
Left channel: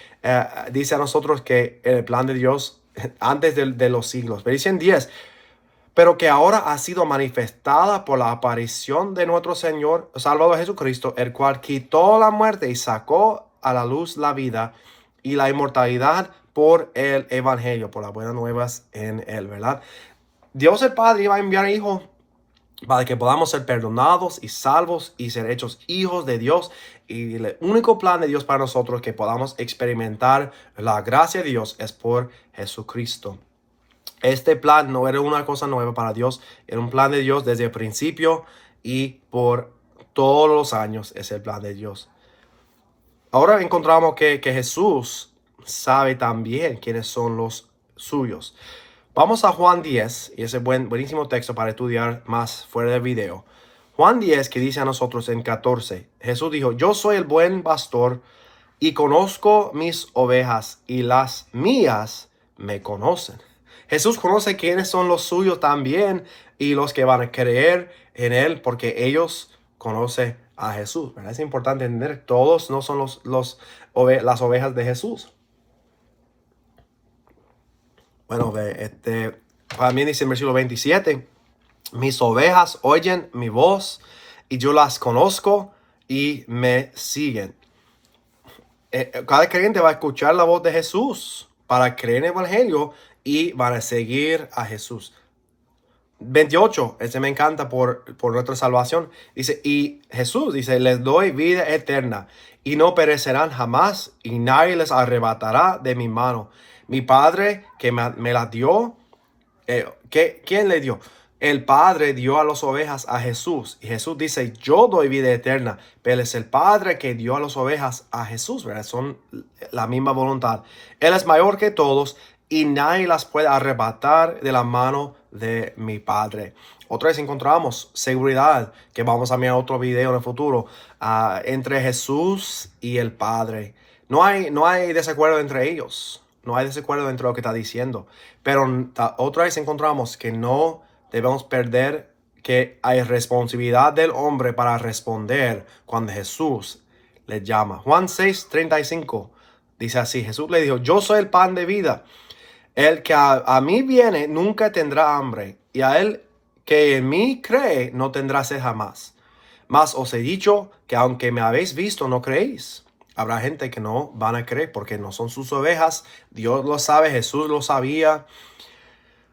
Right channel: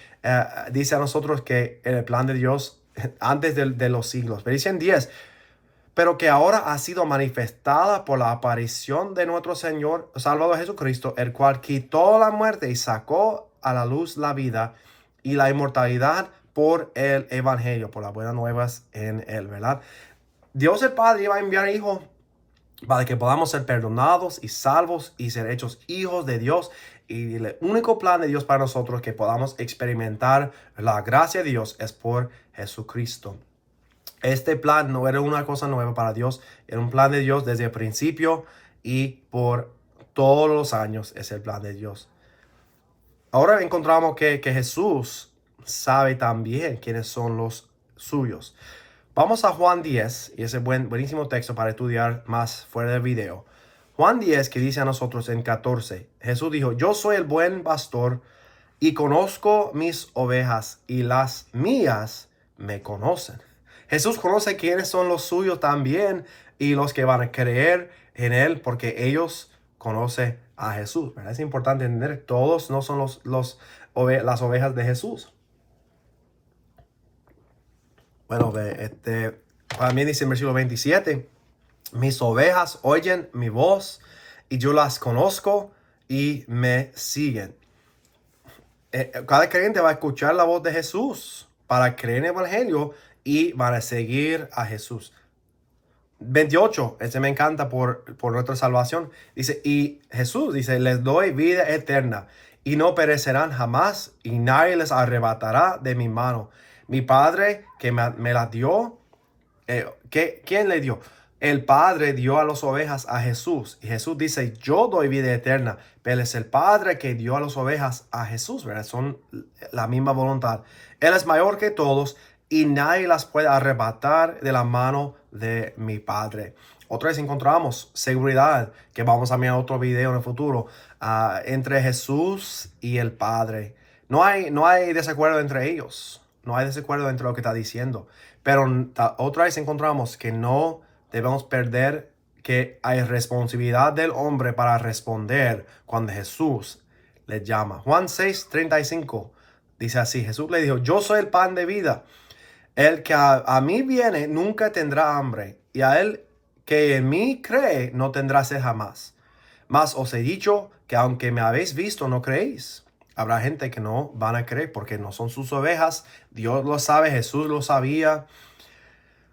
dice a nosotros que el plan de Dios antes de los siglos. Pero dice en 10, pero que ahora ha sido manifestada por la aparición de nuestro Señor Salvador Jesucristo, el cual quitó la muerte y sacó a la luz la vida y la inmortalidad por el evangelio, por las buenas nuevas en él, ¿verdad? Dios el Padre iba a enviar hijos para que podamos ser perdonados y salvos y ser hechos hijos de Dios. Y el único plan de Dios para nosotros que podamos experimentar la gracia de Dios es por Jesucristo. Este plan no era una cosa nueva para Dios, era un plan de Dios desde el principio y por todos los años es el plan de Dios. Ahora encontramos que Jesús sabe también quiénes son los suyos. Vamos a Juan 10, y ese buenísimo texto para estudiar más fuera del video. Juan 10, que dice a nosotros en 14, Jesús dijo: yo soy el buen pastor y conozco mis ovejas y las mías me conocen. Jesús conoce quiénes son los suyos también y los que van a creer en él porque ellos conocen a Jesús, ¿verdad? Es importante entender, todos no son las ovejas de Jesús. Bueno, también dice en versículo 27, mis ovejas oyen mi voz y yo las conozco y me siguen. Cada creyente va a escuchar la voz de Jesús para creer en el evangelio y van a seguir a Jesús. 28, ese me encanta por nuestra salvación. Dice, y Jesús dice, les doy vida eterna y no perecerán jamás y nadie les arrebatará de mi mano. Mi Padre que me la dio, ¿quién le dio? El Padre dio a las ovejas a Jesús. Y Jesús dice, yo doy vida eterna. Pero es el Padre que dio a las ovejas a Jesús, ¿verdad? Son la misma voluntad. Él es mayor que todos y nadie las puede arrebatar de la mano de mi Padre. Otra vez encontramos seguridad, que vamos a mirar otro video en el futuro, entre Jesús y el Padre. No hay desacuerdo entre ellos. No hay desacuerdo entre lo que está diciendo. Pero otra vez encontramos que no debemos perder que hay responsabilidad del hombre para responder cuando Jesús le llama. Juan 6:35 dice así, Jesús le dijo, yo soy el pan de vida. El que a mí viene nunca tendrá hambre, y a él que en mí cree no tendrá sed jamás. Mas os he dicho que aunque me habéis visto, no creéis. Habrá gente que no van a creer porque no son sus ovejas. Dios lo sabe, Jesús lo sabía.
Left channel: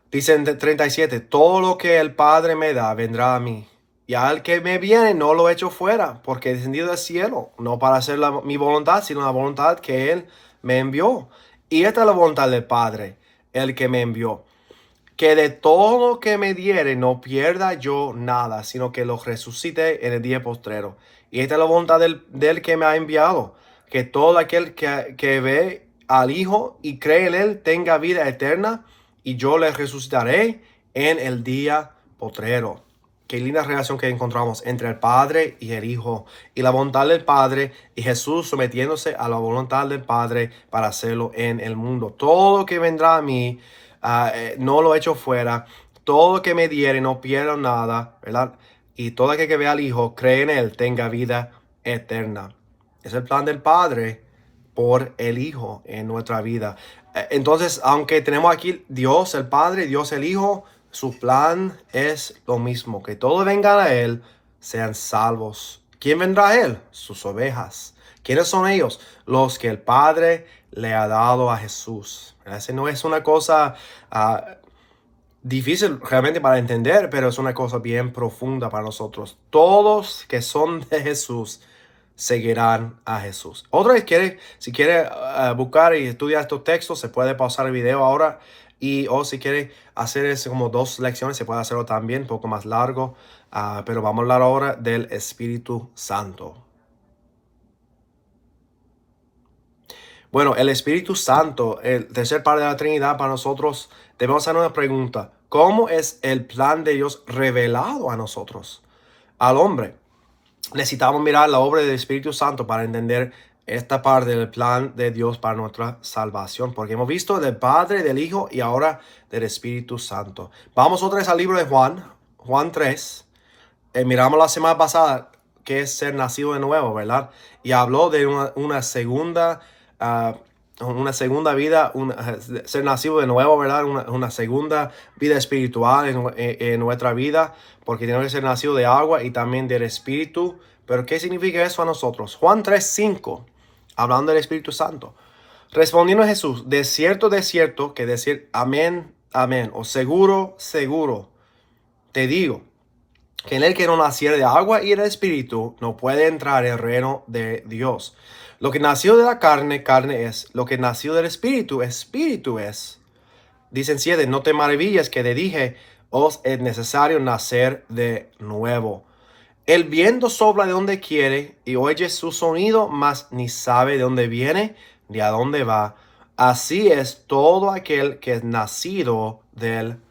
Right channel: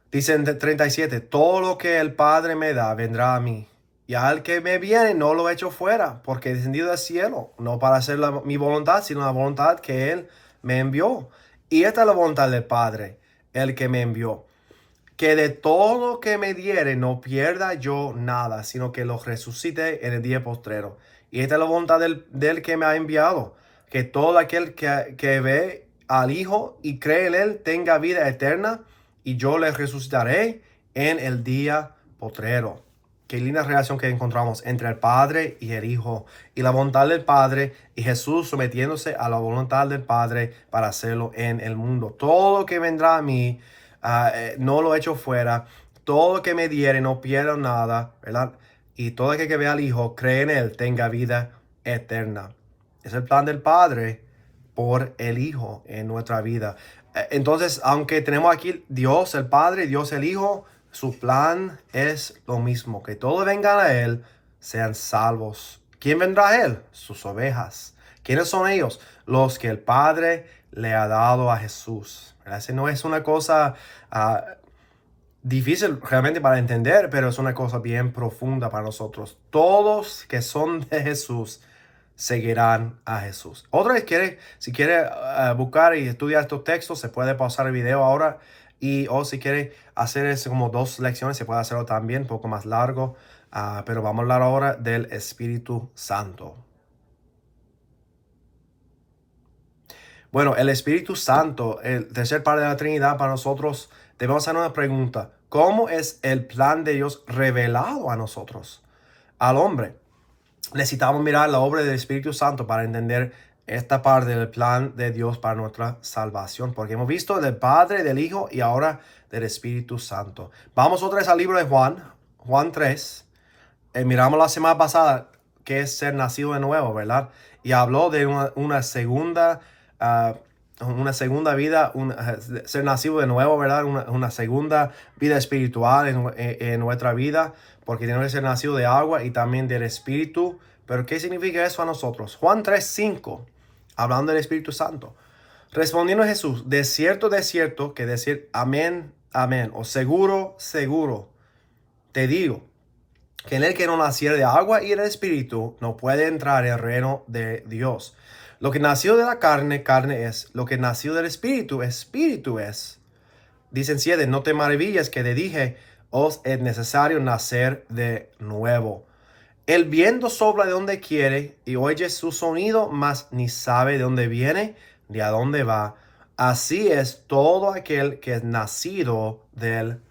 Dice en 37, todo lo que el Padre me da vendrá a mí. Y al que me viene no lo echo fuera, porque he descendido del cielo, no para hacer mi voluntad, sino la voluntad que Él me envió. Y esta es la voluntad del Padre, el que me envió, que de todo lo que me diere no pierda yo nada, sino que lo resucite en el día postrero. Y esta es la voluntad del que me ha enviado, que todo aquel que ve al Hijo y cree en Él tenga vida eterna, y yo le resucitaré en el día postrero. Qué linda relación que encontramos entre el Padre y el Hijo, y la voluntad del Padre y Jesús sometiéndose a la voluntad del Padre para hacerlo en el mundo. Todo lo que vendrá a mí, no lo echo fuera. Todo lo que me diere no pierdo nada, ¿verdad? Y todo aquel que vea al Hijo, cree en Él, tenga vida eterna. Es el plan del Padre por el Hijo en nuestra vida. Entonces, aunque tenemos aquí Dios el Padre, Dios el Hijo, su plan es lo mismo, que todos vengan a Él, sean salvos. ¿Quién vendrá a Él? Sus ovejas. ¿Quiénes son ellos? Los que el Padre le ha dado a Jesús. Esa no es una cosa difícil realmente para entender, pero es una cosa bien profunda para nosotros. Todos que son de Jesús seguirán a Jesús. Otra vez, si quiere buscar y estudiar estos textos, se puede pausar el video ahora, o si quiere hacer eso como 2 lecciones, se puede hacerlo también, un poco más largo, pero vamos a hablar ahora del Espíritu Santo. Bueno, el Espíritu Santo, el tercer parte de la Trinidad, para nosotros debemos hacer una pregunta. ¿Cómo es el plan de Dios revelado a nosotros, al hombre? Necesitamos mirar la obra del Espíritu Santo para entender esta parte del plan de Dios para nuestra salvación, porque hemos visto del Padre, del Hijo y ahora del Espíritu Santo. Vamos otra vez al libro de Juan 3. Miramos la semana pasada que es ser nacido de nuevo, ¿verdad? Y habló de una segunda vida, ser nacido de nuevo, ¿verdad? Una segunda vida espiritual en nuestra vida, porque tenemos que ser nacido de agua y también del Espíritu. Pero ¿qué significa eso a nosotros? Juan 3:5, hablando del Espíritu Santo. Respondiendo Jesús, de cierto, que decir amén, amén, o seguro, seguro, te digo, que en el que no naciere de agua y del Espíritu no puede entrar en el reino de Dios. Lo que nació de la carne, carne es. Lo que nació del Espíritu, Espíritu es. Dicen 7, no te maravilles que te dije, os es necesario nacer de nuevo. El viento sopla de donde quiere y oye su sonido, mas ni sabe de dónde viene ni a dónde va. Así es todo aquel que es nacido del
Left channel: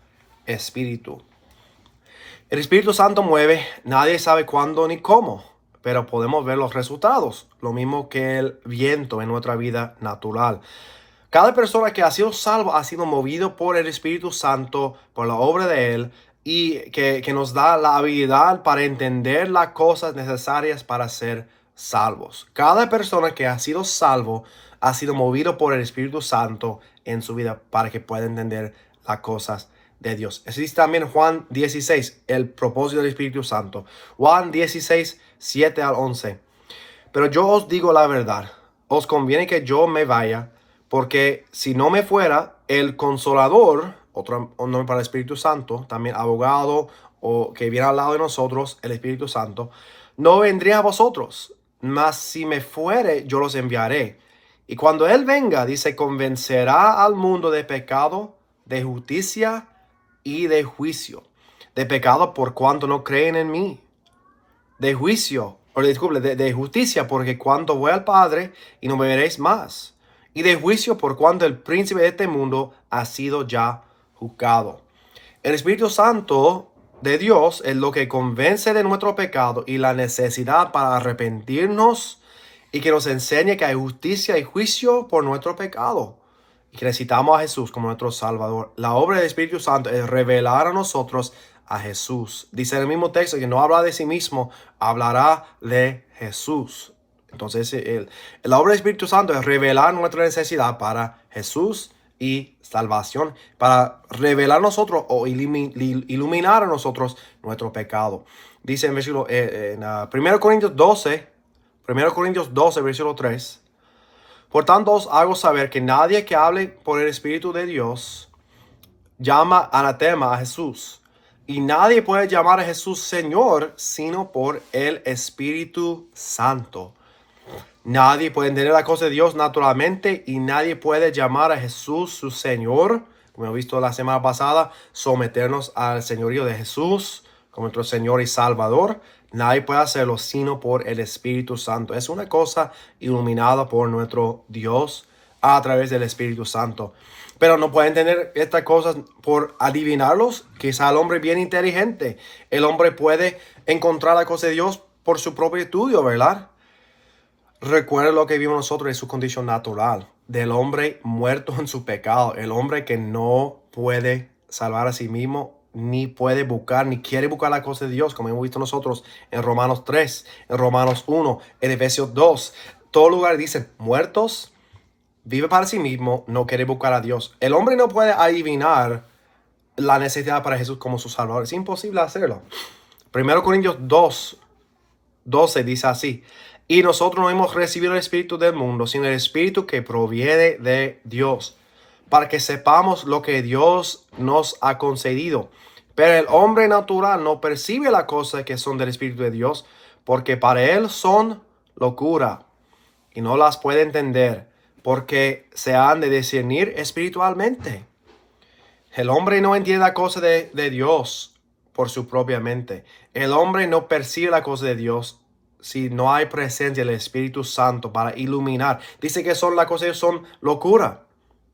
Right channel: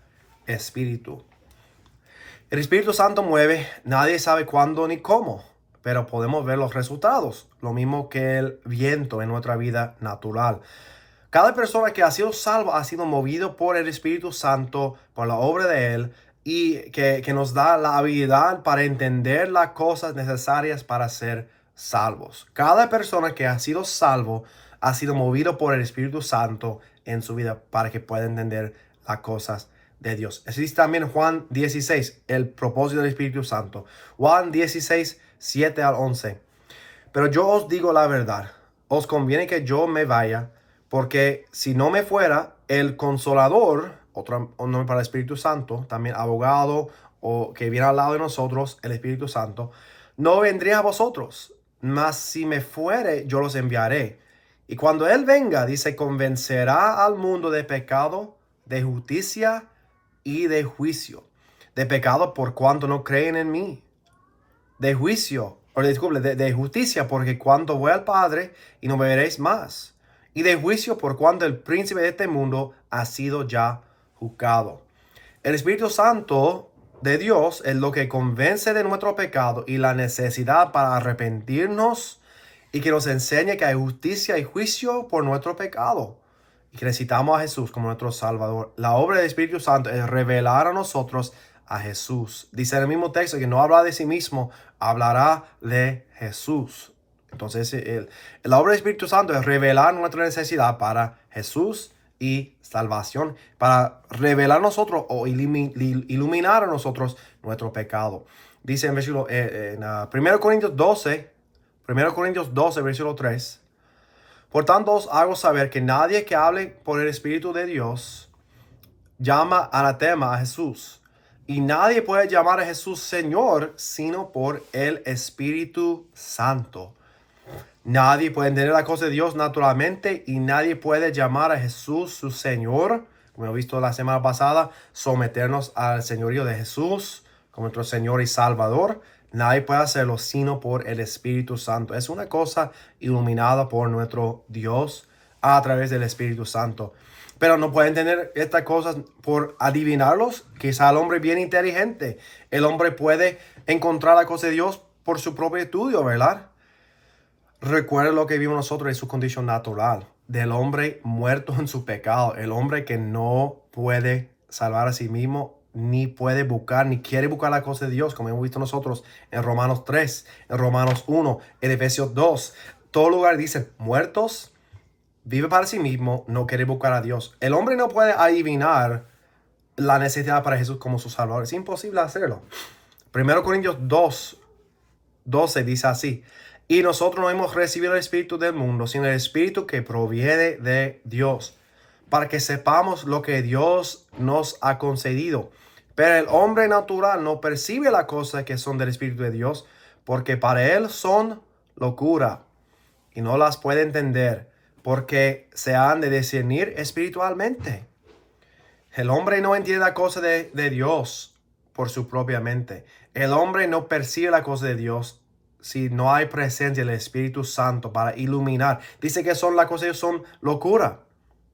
Espíritu. El Espíritu Santo mueve, nadie sabe cuándo ni cómo, pero podemos ver los resultados, lo mismo que el viento en nuestra vida natural. Cada persona que ha sido salvo ha sido movido por el Espíritu Santo, por la obra de Él, y que nos da la habilidad para entender las cosas necesarias para ser salvos. Cada persona que ha sido salvo ha sido movido por el Espíritu Santo en su vida para que pueda entender las cosas de Dios. Existe también Juan 16, el propósito del Espíritu Santo. Juan 16, 7 al 11. Pero yo os digo la verdad, os conviene que yo me vaya, porque si no me fuera, el Consolador, otro nombre para el Espíritu Santo, también abogado o que viene al lado de nosotros, el Espíritu Santo, no vendría a vosotros, mas si me fuere, yo los enviaré. Y cuando Él venga, dice, convencerá al mundo de pecado, de justicia y de juicio. De pecado por cuanto no creen en mí. De juicio, de justicia, porque cuando voy al Padre y no me veréis más. Y de juicio por cuanto el príncipe de este mundo ha sido ya juzgado. El Espíritu Santo de Dios es lo que convence de nuestro pecado y la necesidad para arrepentirnos, y que nos enseñe que hay justicia y juicio por nuestro pecado. y que necesitamos a Jesús como nuestro Salvador. La obra del Espíritu Santo es revelar a nosotros a Jesús. Dice en el mismo texto que no habla de sí mismo, hablará de Jesús. Entonces, la obra del Espíritu Santo es revelar nuestra necesidad para Jesús y salvación, para revelar a nosotros o iluminar a nosotros nuestro pecado. Dice en versículo, 1 Corintios 12, 1 Corintios 12, versículo 3. Por tanto os hago saber que nadie que hable por el Espíritu de Dios llama anatema a Jesús. Y nadie puede llamar a Jesús Señor sino por el Espíritu Santo. Nadie puede entender la cosa de Dios naturalmente y nadie puede llamar a Jesús su Señor. Como hemos visto la semana pasada, someternos al señorío de Jesús como nuestro Señor y Salvador. Nadie puede hacerlo sino por el Espíritu Santo. Es una cosa iluminada por nuestro Dios a través del Espíritu Santo. Pero no puede entender estas cosas por adivinarlos. Quizá el hombre es bien inteligente. El hombre puede encontrar la cosa de Dios por su propio estudio, ¿verdad? Recuerda lo que vimos nosotros en su condición natural. Del hombre muerto en su pecado. El hombre que no puede salvar a sí mismo, ni puede buscar, ni quiere buscar la cosa de Dios, como hemos visto nosotros en Romanos 3, en Romanos 1, en Efesios 2. Todo lugar dicen muertos, vive para sí mismo, no quiere buscar a Dios. El hombre no puede adivinar la necesidad para Jesús como su Salvador. Es imposible hacerlo. 1 Corintios 2, 12 dice así. Y nosotros no hemos recibido el Espíritu del mundo, sino el Espíritu que proviene de Dios, para que sepamos lo que Dios nos ha concedido. Pero el hombre natural no percibe las cosas que son del Espíritu de Dios, porque para él son locura, y no las puede entender, porque se han de discernir espiritualmente. El hombre no entiende la cosa de Dios por su propia mente. El hombre no percibe la cosa de Dios si no hay presencia del Espíritu Santo para iluminar. Dice que son las cosas, son locura,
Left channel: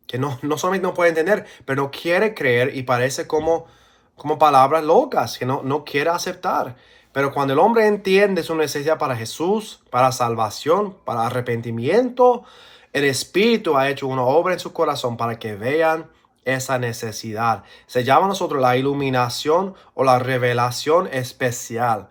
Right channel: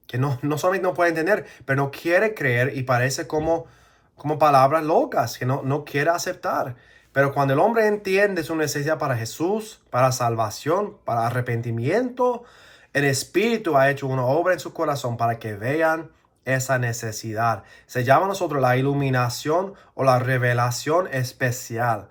que no solamente no puede entender, pero no quiere creer y parece como palabras locas que no quiere aceptar. Pero cuando el hombre entiende su necesidad para Jesús, para salvación, para arrepentimiento, el Espíritu ha hecho una obra en su corazón para que vean esa necesidad. Se llama a nosotros la iluminación o la revelación especial.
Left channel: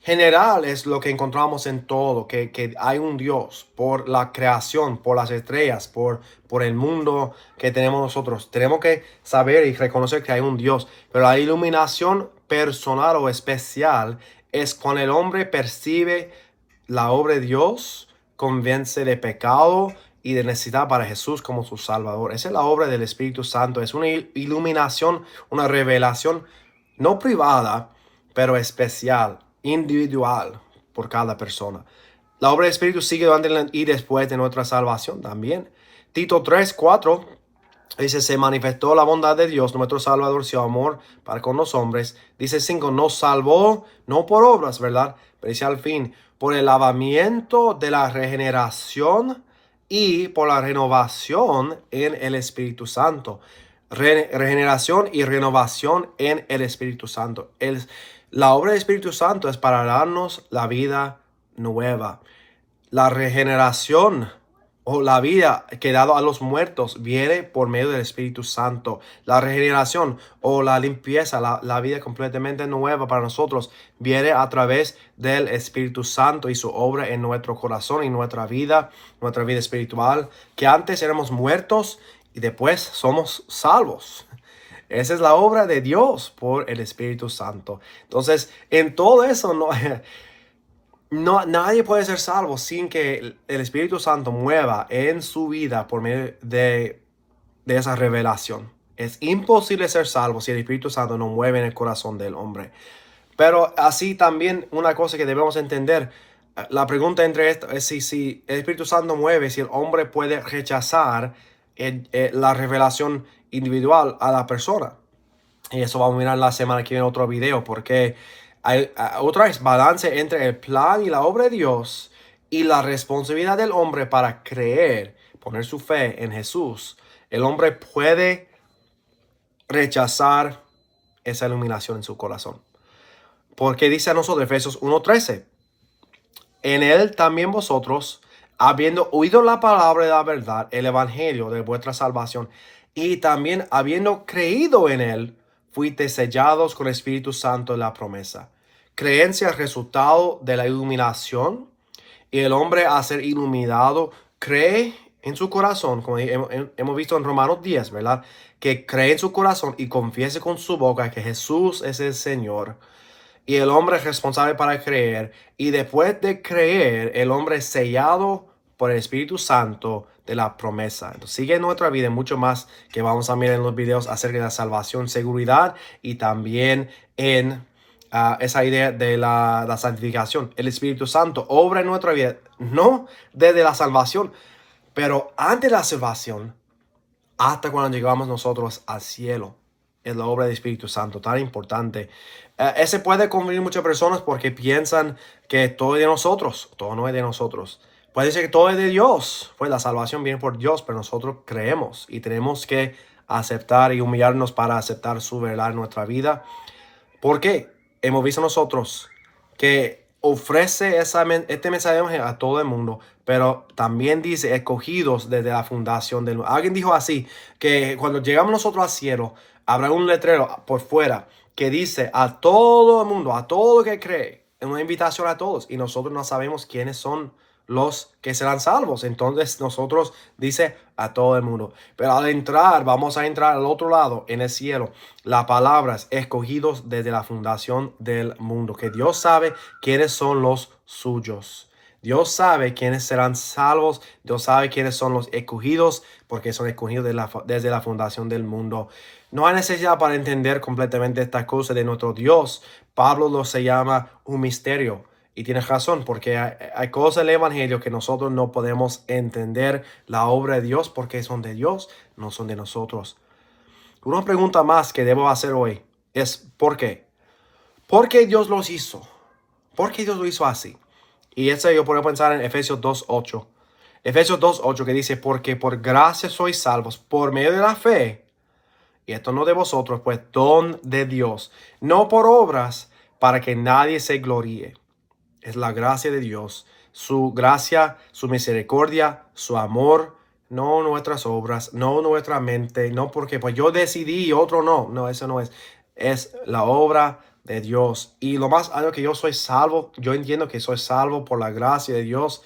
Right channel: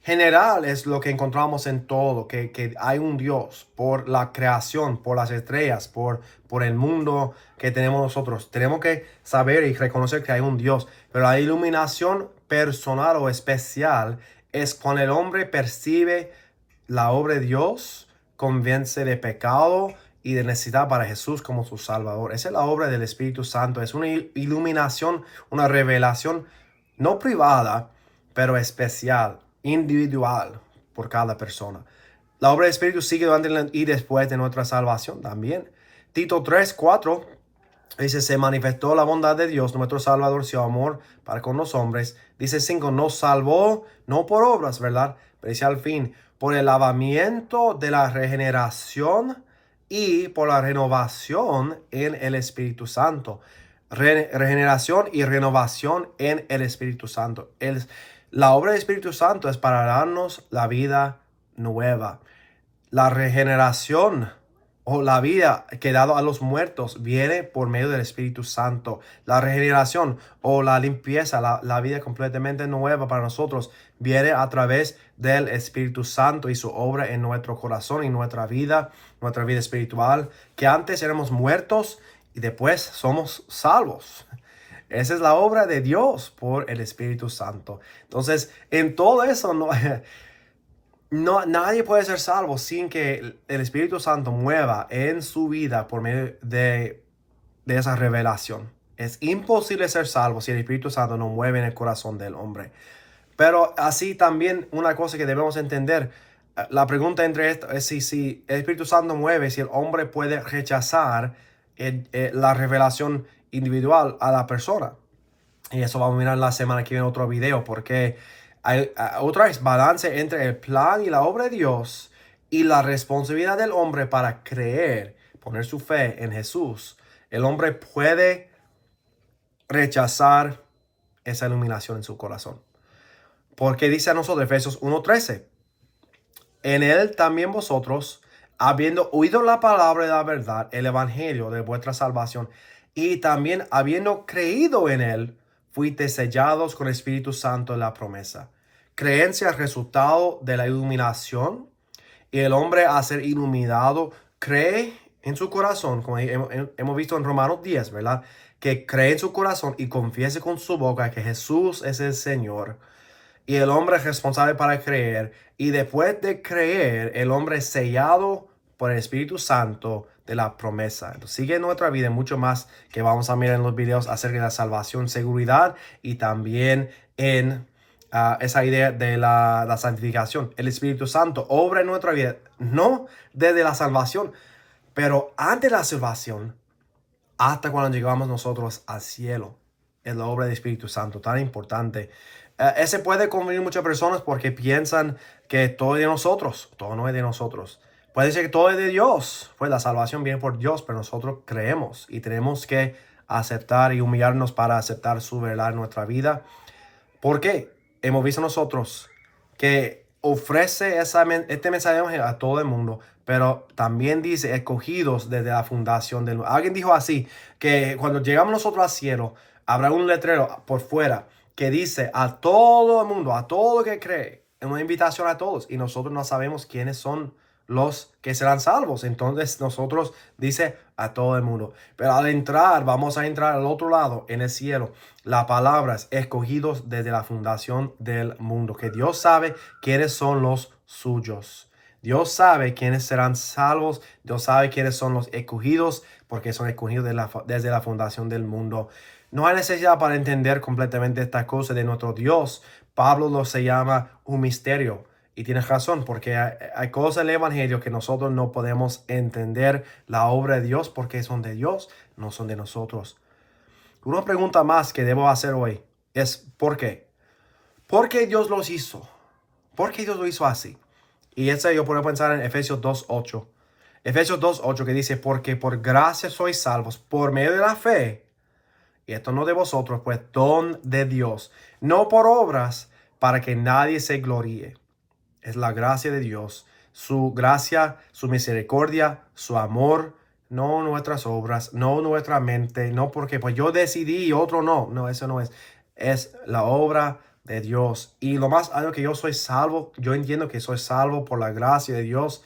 General es lo que encontramos en todo, que hay un Dios por la creación, por las estrellas, por el mundo que tenemos nosotros. Tenemos que saber y reconocer que hay un Dios, pero la iluminación personal o especial es cuando el hombre percibe la obra de Dios, convence de pecado y de necesidad para Jesús como su Salvador. Esa es la obra del Espíritu Santo. Es una iluminación, una revelación no privada, pero especial, individual por cada persona. La obra del Espíritu sigue durante y después de nuestra salvación también. Tito 3:4 dice, se manifestó la bondad de Dios, nuestro Salvador, su amor para con los hombres. Dice 5, nos salvó, no por obras, ¿verdad? Pero dice al fin, por el lavamiento de la regeneración y por la renovación en el Espíritu Santo. Regeneración y renovación en el Espíritu Santo. La obra del Espíritu Santo es para darnos la vida nueva. La regeneración o la vida que dado a los muertos viene por medio del Espíritu Santo. La regeneración o la limpieza, la vida completamente nueva para nosotros viene a través del Espíritu Santo y su obra en nuestro corazón y nuestra vida espiritual, que antes éramos muertos y después somos salvos. Esa es la obra de Dios por el Espíritu Santo. Entonces, en todo eso nadie puede ser salvo sin que el Espíritu Santo mueva en su vida por medio de esa revelación. Es imposible ser salvo si el Espíritu Santo no mueve en el corazón del hombre. Pero así también una cosa que debemos entender, la pregunta entre esto es si el Espíritu Santo mueve, si el hombre puede rechazar la revelación individual a la persona. Y eso vamos a mirar la semana que viene en otro video, porque hay otra vez balance entre el plan y la obra de Dios y la responsabilidad del hombre para creer, poner su fe en Jesús. El hombre puede rechazar esa iluminación en su corazón. Porque dice a nosotros, Efesios 1:13, en él también vosotros, habiendo oído la palabra de la verdad, el evangelio de vuestra salvación, y también habiendo creído en él, fuiste sellados con el Espíritu Santo de la promesa. Creencia, resultado de la iluminación, y el hombre a ser iluminado cree en su corazón, como hemos visto en Romanos 10, ¿verdad? Que cree en su corazón y confiese con su boca que Jesús es el Señor. Y el hombre es responsable para creer. Y después de creer, el hombre es sellado por el Espíritu Santo de la promesa. Entonces sigue en nuestra vida mucho más que vamos a mirar en los videos acerca de la salvación, seguridad y también en esa idea de la santificación. El Espíritu Santo obra en nuestra vida, no desde la salvación, pero antes de la salvación, hasta cuando llegamos nosotros al cielo. Es la obra del Espíritu Santo, tan importante. Ese puede confundir muchas personas porque piensan que todo es de nosotros. Todo no es de nosotros. Puede ser que todo es de Dios. Pues la salvación viene por Dios, pero nosotros creemos y tenemos que aceptar y humillarnos para aceptar su verdad en nuestra vida. ¿Por qué? Hemos visto nosotros que ofrece este mensaje a todo el mundo, pero también dice escogidos desde la fundación del mundo. Alguien dijo así, que cuando llegamos nosotros al cielo, habrá un letrero por fuera que dice a todo el mundo, a todo el que cree, una invitación a todos, y nosotros no sabemos quiénes son los que serán salvos. Entonces nosotros dice a todo el mundo, pero al entrar, vamos a entrar al otro lado en el cielo. La palabra es escogidos desde la fundación del mundo, que Dios sabe quiénes son los suyos. Dios sabe quiénes serán salvos. Dios sabe quiénes son los escogidos, porque son escogidos desde la fundación del mundo. No hay necesidad para entender completamente esta cosa de nuestro Dios. Pablo lo se llama un misterio. Y tienes razón, porque hay cosas del Evangelio que nosotros no podemos entender la obra de Dios porque son de Dios, no son de nosotros. Una pregunta más que debo hacer hoy es ¿por qué? ¿Por qué Dios los hizo? ¿Por qué Dios lo hizo así? Y eso yo puedo pensar en Efesios 2:8. Efesios 2:8 que dice, porque por gracia sois salvos por medio de la fe. Y esto no de vosotros, pues don de Dios, no por obras, para que nadie se gloríe. Es la gracia de Dios, su gracia, su misericordia, su amor, no nuestras obras, no nuestra mente, no porque pues yo decidí y otro no. No, eso no es. Es la obra de Dios. Y lo más algo que yo soy salvo, yo entiendo que soy salvo por la gracia de Dios.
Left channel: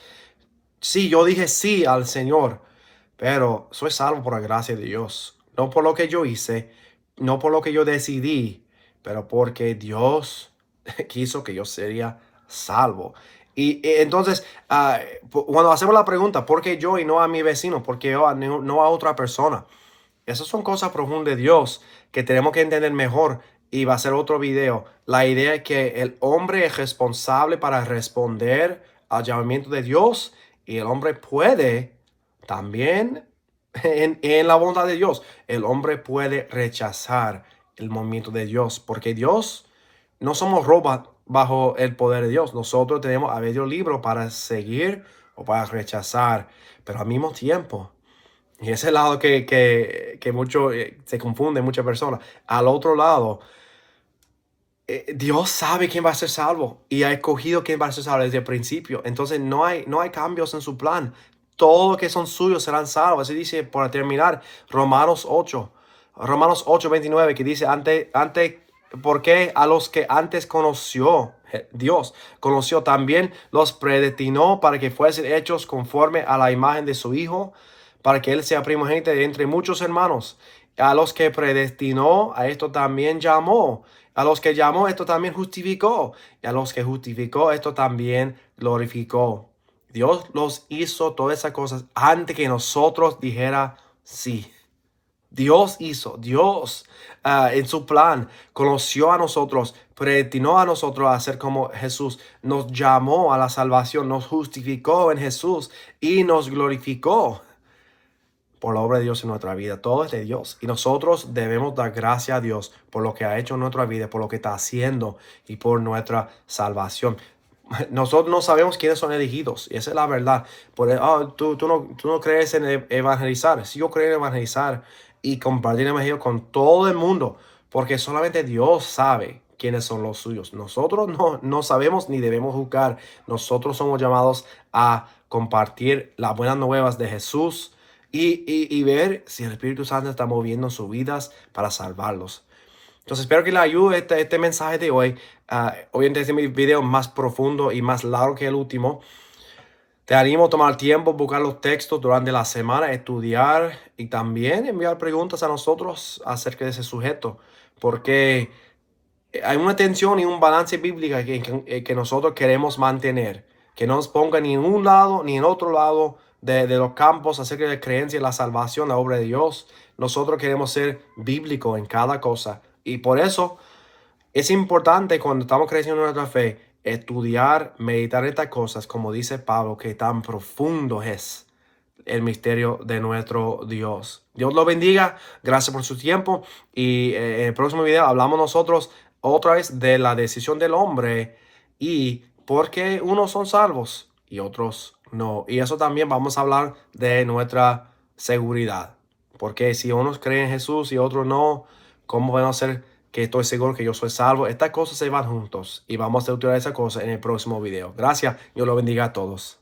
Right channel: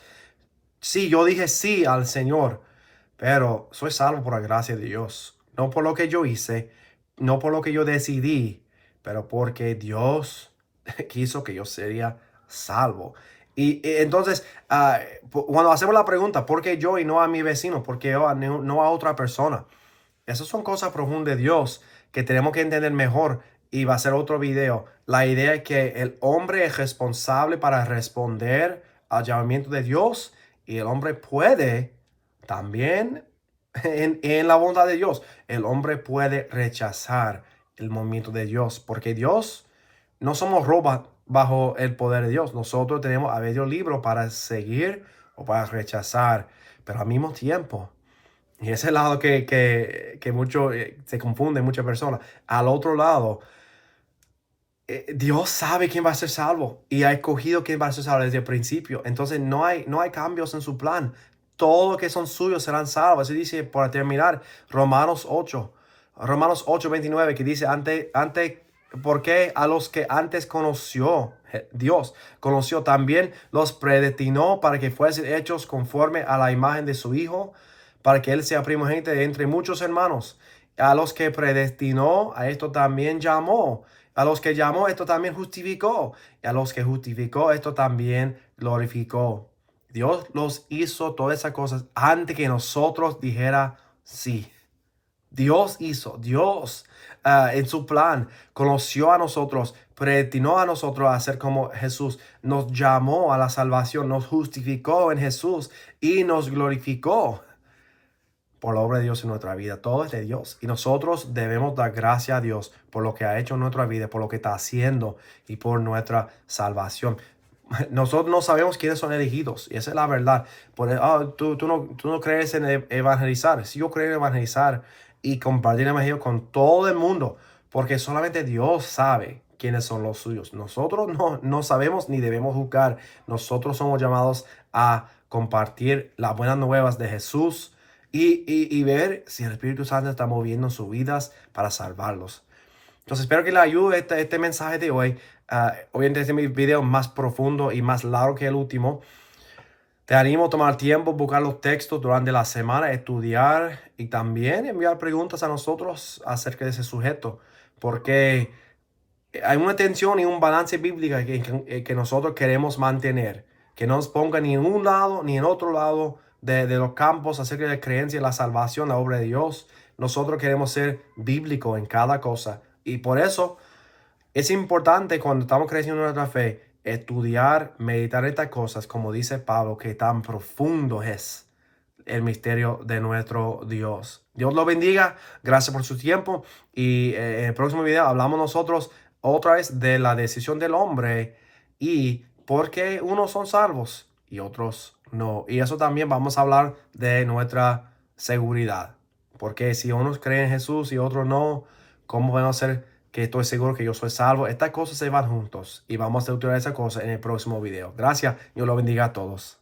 Sí, yo dije sí al Señor, pero soy salvo por la gracia de Dios. No por lo que yo hice, no por lo que yo decidí, pero porque Dios quiso que yo sería salvo. Y entonces, cuando hacemos la pregunta, ¿por qué yo y no a mi vecino? ¿Por qué yo no a otra persona? Esas son cosas profundas de Dios que tenemos que entender mejor y va a ser otro video. La idea es que el hombre es responsable para responder al llamamiento de Dios y el hombre puede también, en la bondad de Dios, el hombre puede rechazar el movimiento de Dios porque Dios no somos robots bajo el poder de Dios. Nosotros tenemos a medio libro para seguir o para rechazar, pero al mismo tiempo. Y ese lado que mucho se confunde muchas personas. Al otro lado, Dios sabe quién va a ser salvo y ha escogido quién va a ser salvo desde el principio. Entonces no hay cambios en su plan. Todo lo que son suyos serán salvos. Así dice, para terminar, Romanos 8. Romanos 8:29, que dice, porque a los que antes conoció, Dios conoció también, los predestinó para que fuesen hechos conforme a la imagen de su Hijo, para que Él sea primogénito de entre muchos hermanos. A los que predestinó, a esto también llamó. A los que llamó, esto también justificó. Y a los que justificó, esto también glorificó. Dios los hizo todas esas cosas antes que nosotros dijera sí. Dios en su plan conoció a nosotros, predestinó a nosotros a ser como Jesús, nos llamó a la salvación, nos justificó en Jesús y nos glorificó por la obra de Dios en nuestra vida. Todo es de Dios y nosotros debemos dar gracias a Dios por lo que ha hecho en nuestra vida, por lo que está haciendo y por nuestra salvación. Nosotros no sabemos quiénes son elegidos y esa es la verdad. Tú no crees en evangelizar. Si yo creo en evangelizar y compartir el evangelio con todo el mundo, porque solamente Dios sabe quiénes son los suyos. Nosotros no sabemos ni debemos juzgar. Nosotros somos llamados a compartir las buenas nuevas de Jesús y ver si el Espíritu Santo está moviendo en sus vidas para salvarlos. Entonces espero que le ayude este mensaje de hoy. Obviamente este es mi video más profundo y más largo que el último. Te animo a tomar tiempo, buscar los textos durante la semana, estudiar y también enviar preguntas a nosotros acerca de ese sujeto. Porque hay una tensión y un balance bíblico que nosotros queremos mantener. Que no nos ponga ni en un lado ni en otro lado de los campos acerca de la creencia, la salvación, la obra de Dios. Nosotros queremos ser bíblicos en cada cosa. Y por eso es importante cuando estamos creciendo en nuestra fe, estudiar, meditar estas cosas, como dice Pablo, que tan profundo es el misterio de nuestro Dios. Dios lo bendiga, gracias por su tiempo y en el próximo video hablamos nosotros otra vez de la decisión del hombre y por qué unos son salvos y otros no. Y eso también vamos a hablar de nuestra seguridad, porque si unos creen en Jesús y otros no, ¿cómo podemos ser que estoy seguro que yo soy salvo? Estas cosas se van juntos y vamos a estudiar esa cosa en el próximo video. Gracias, Dios lo bendiga a todos.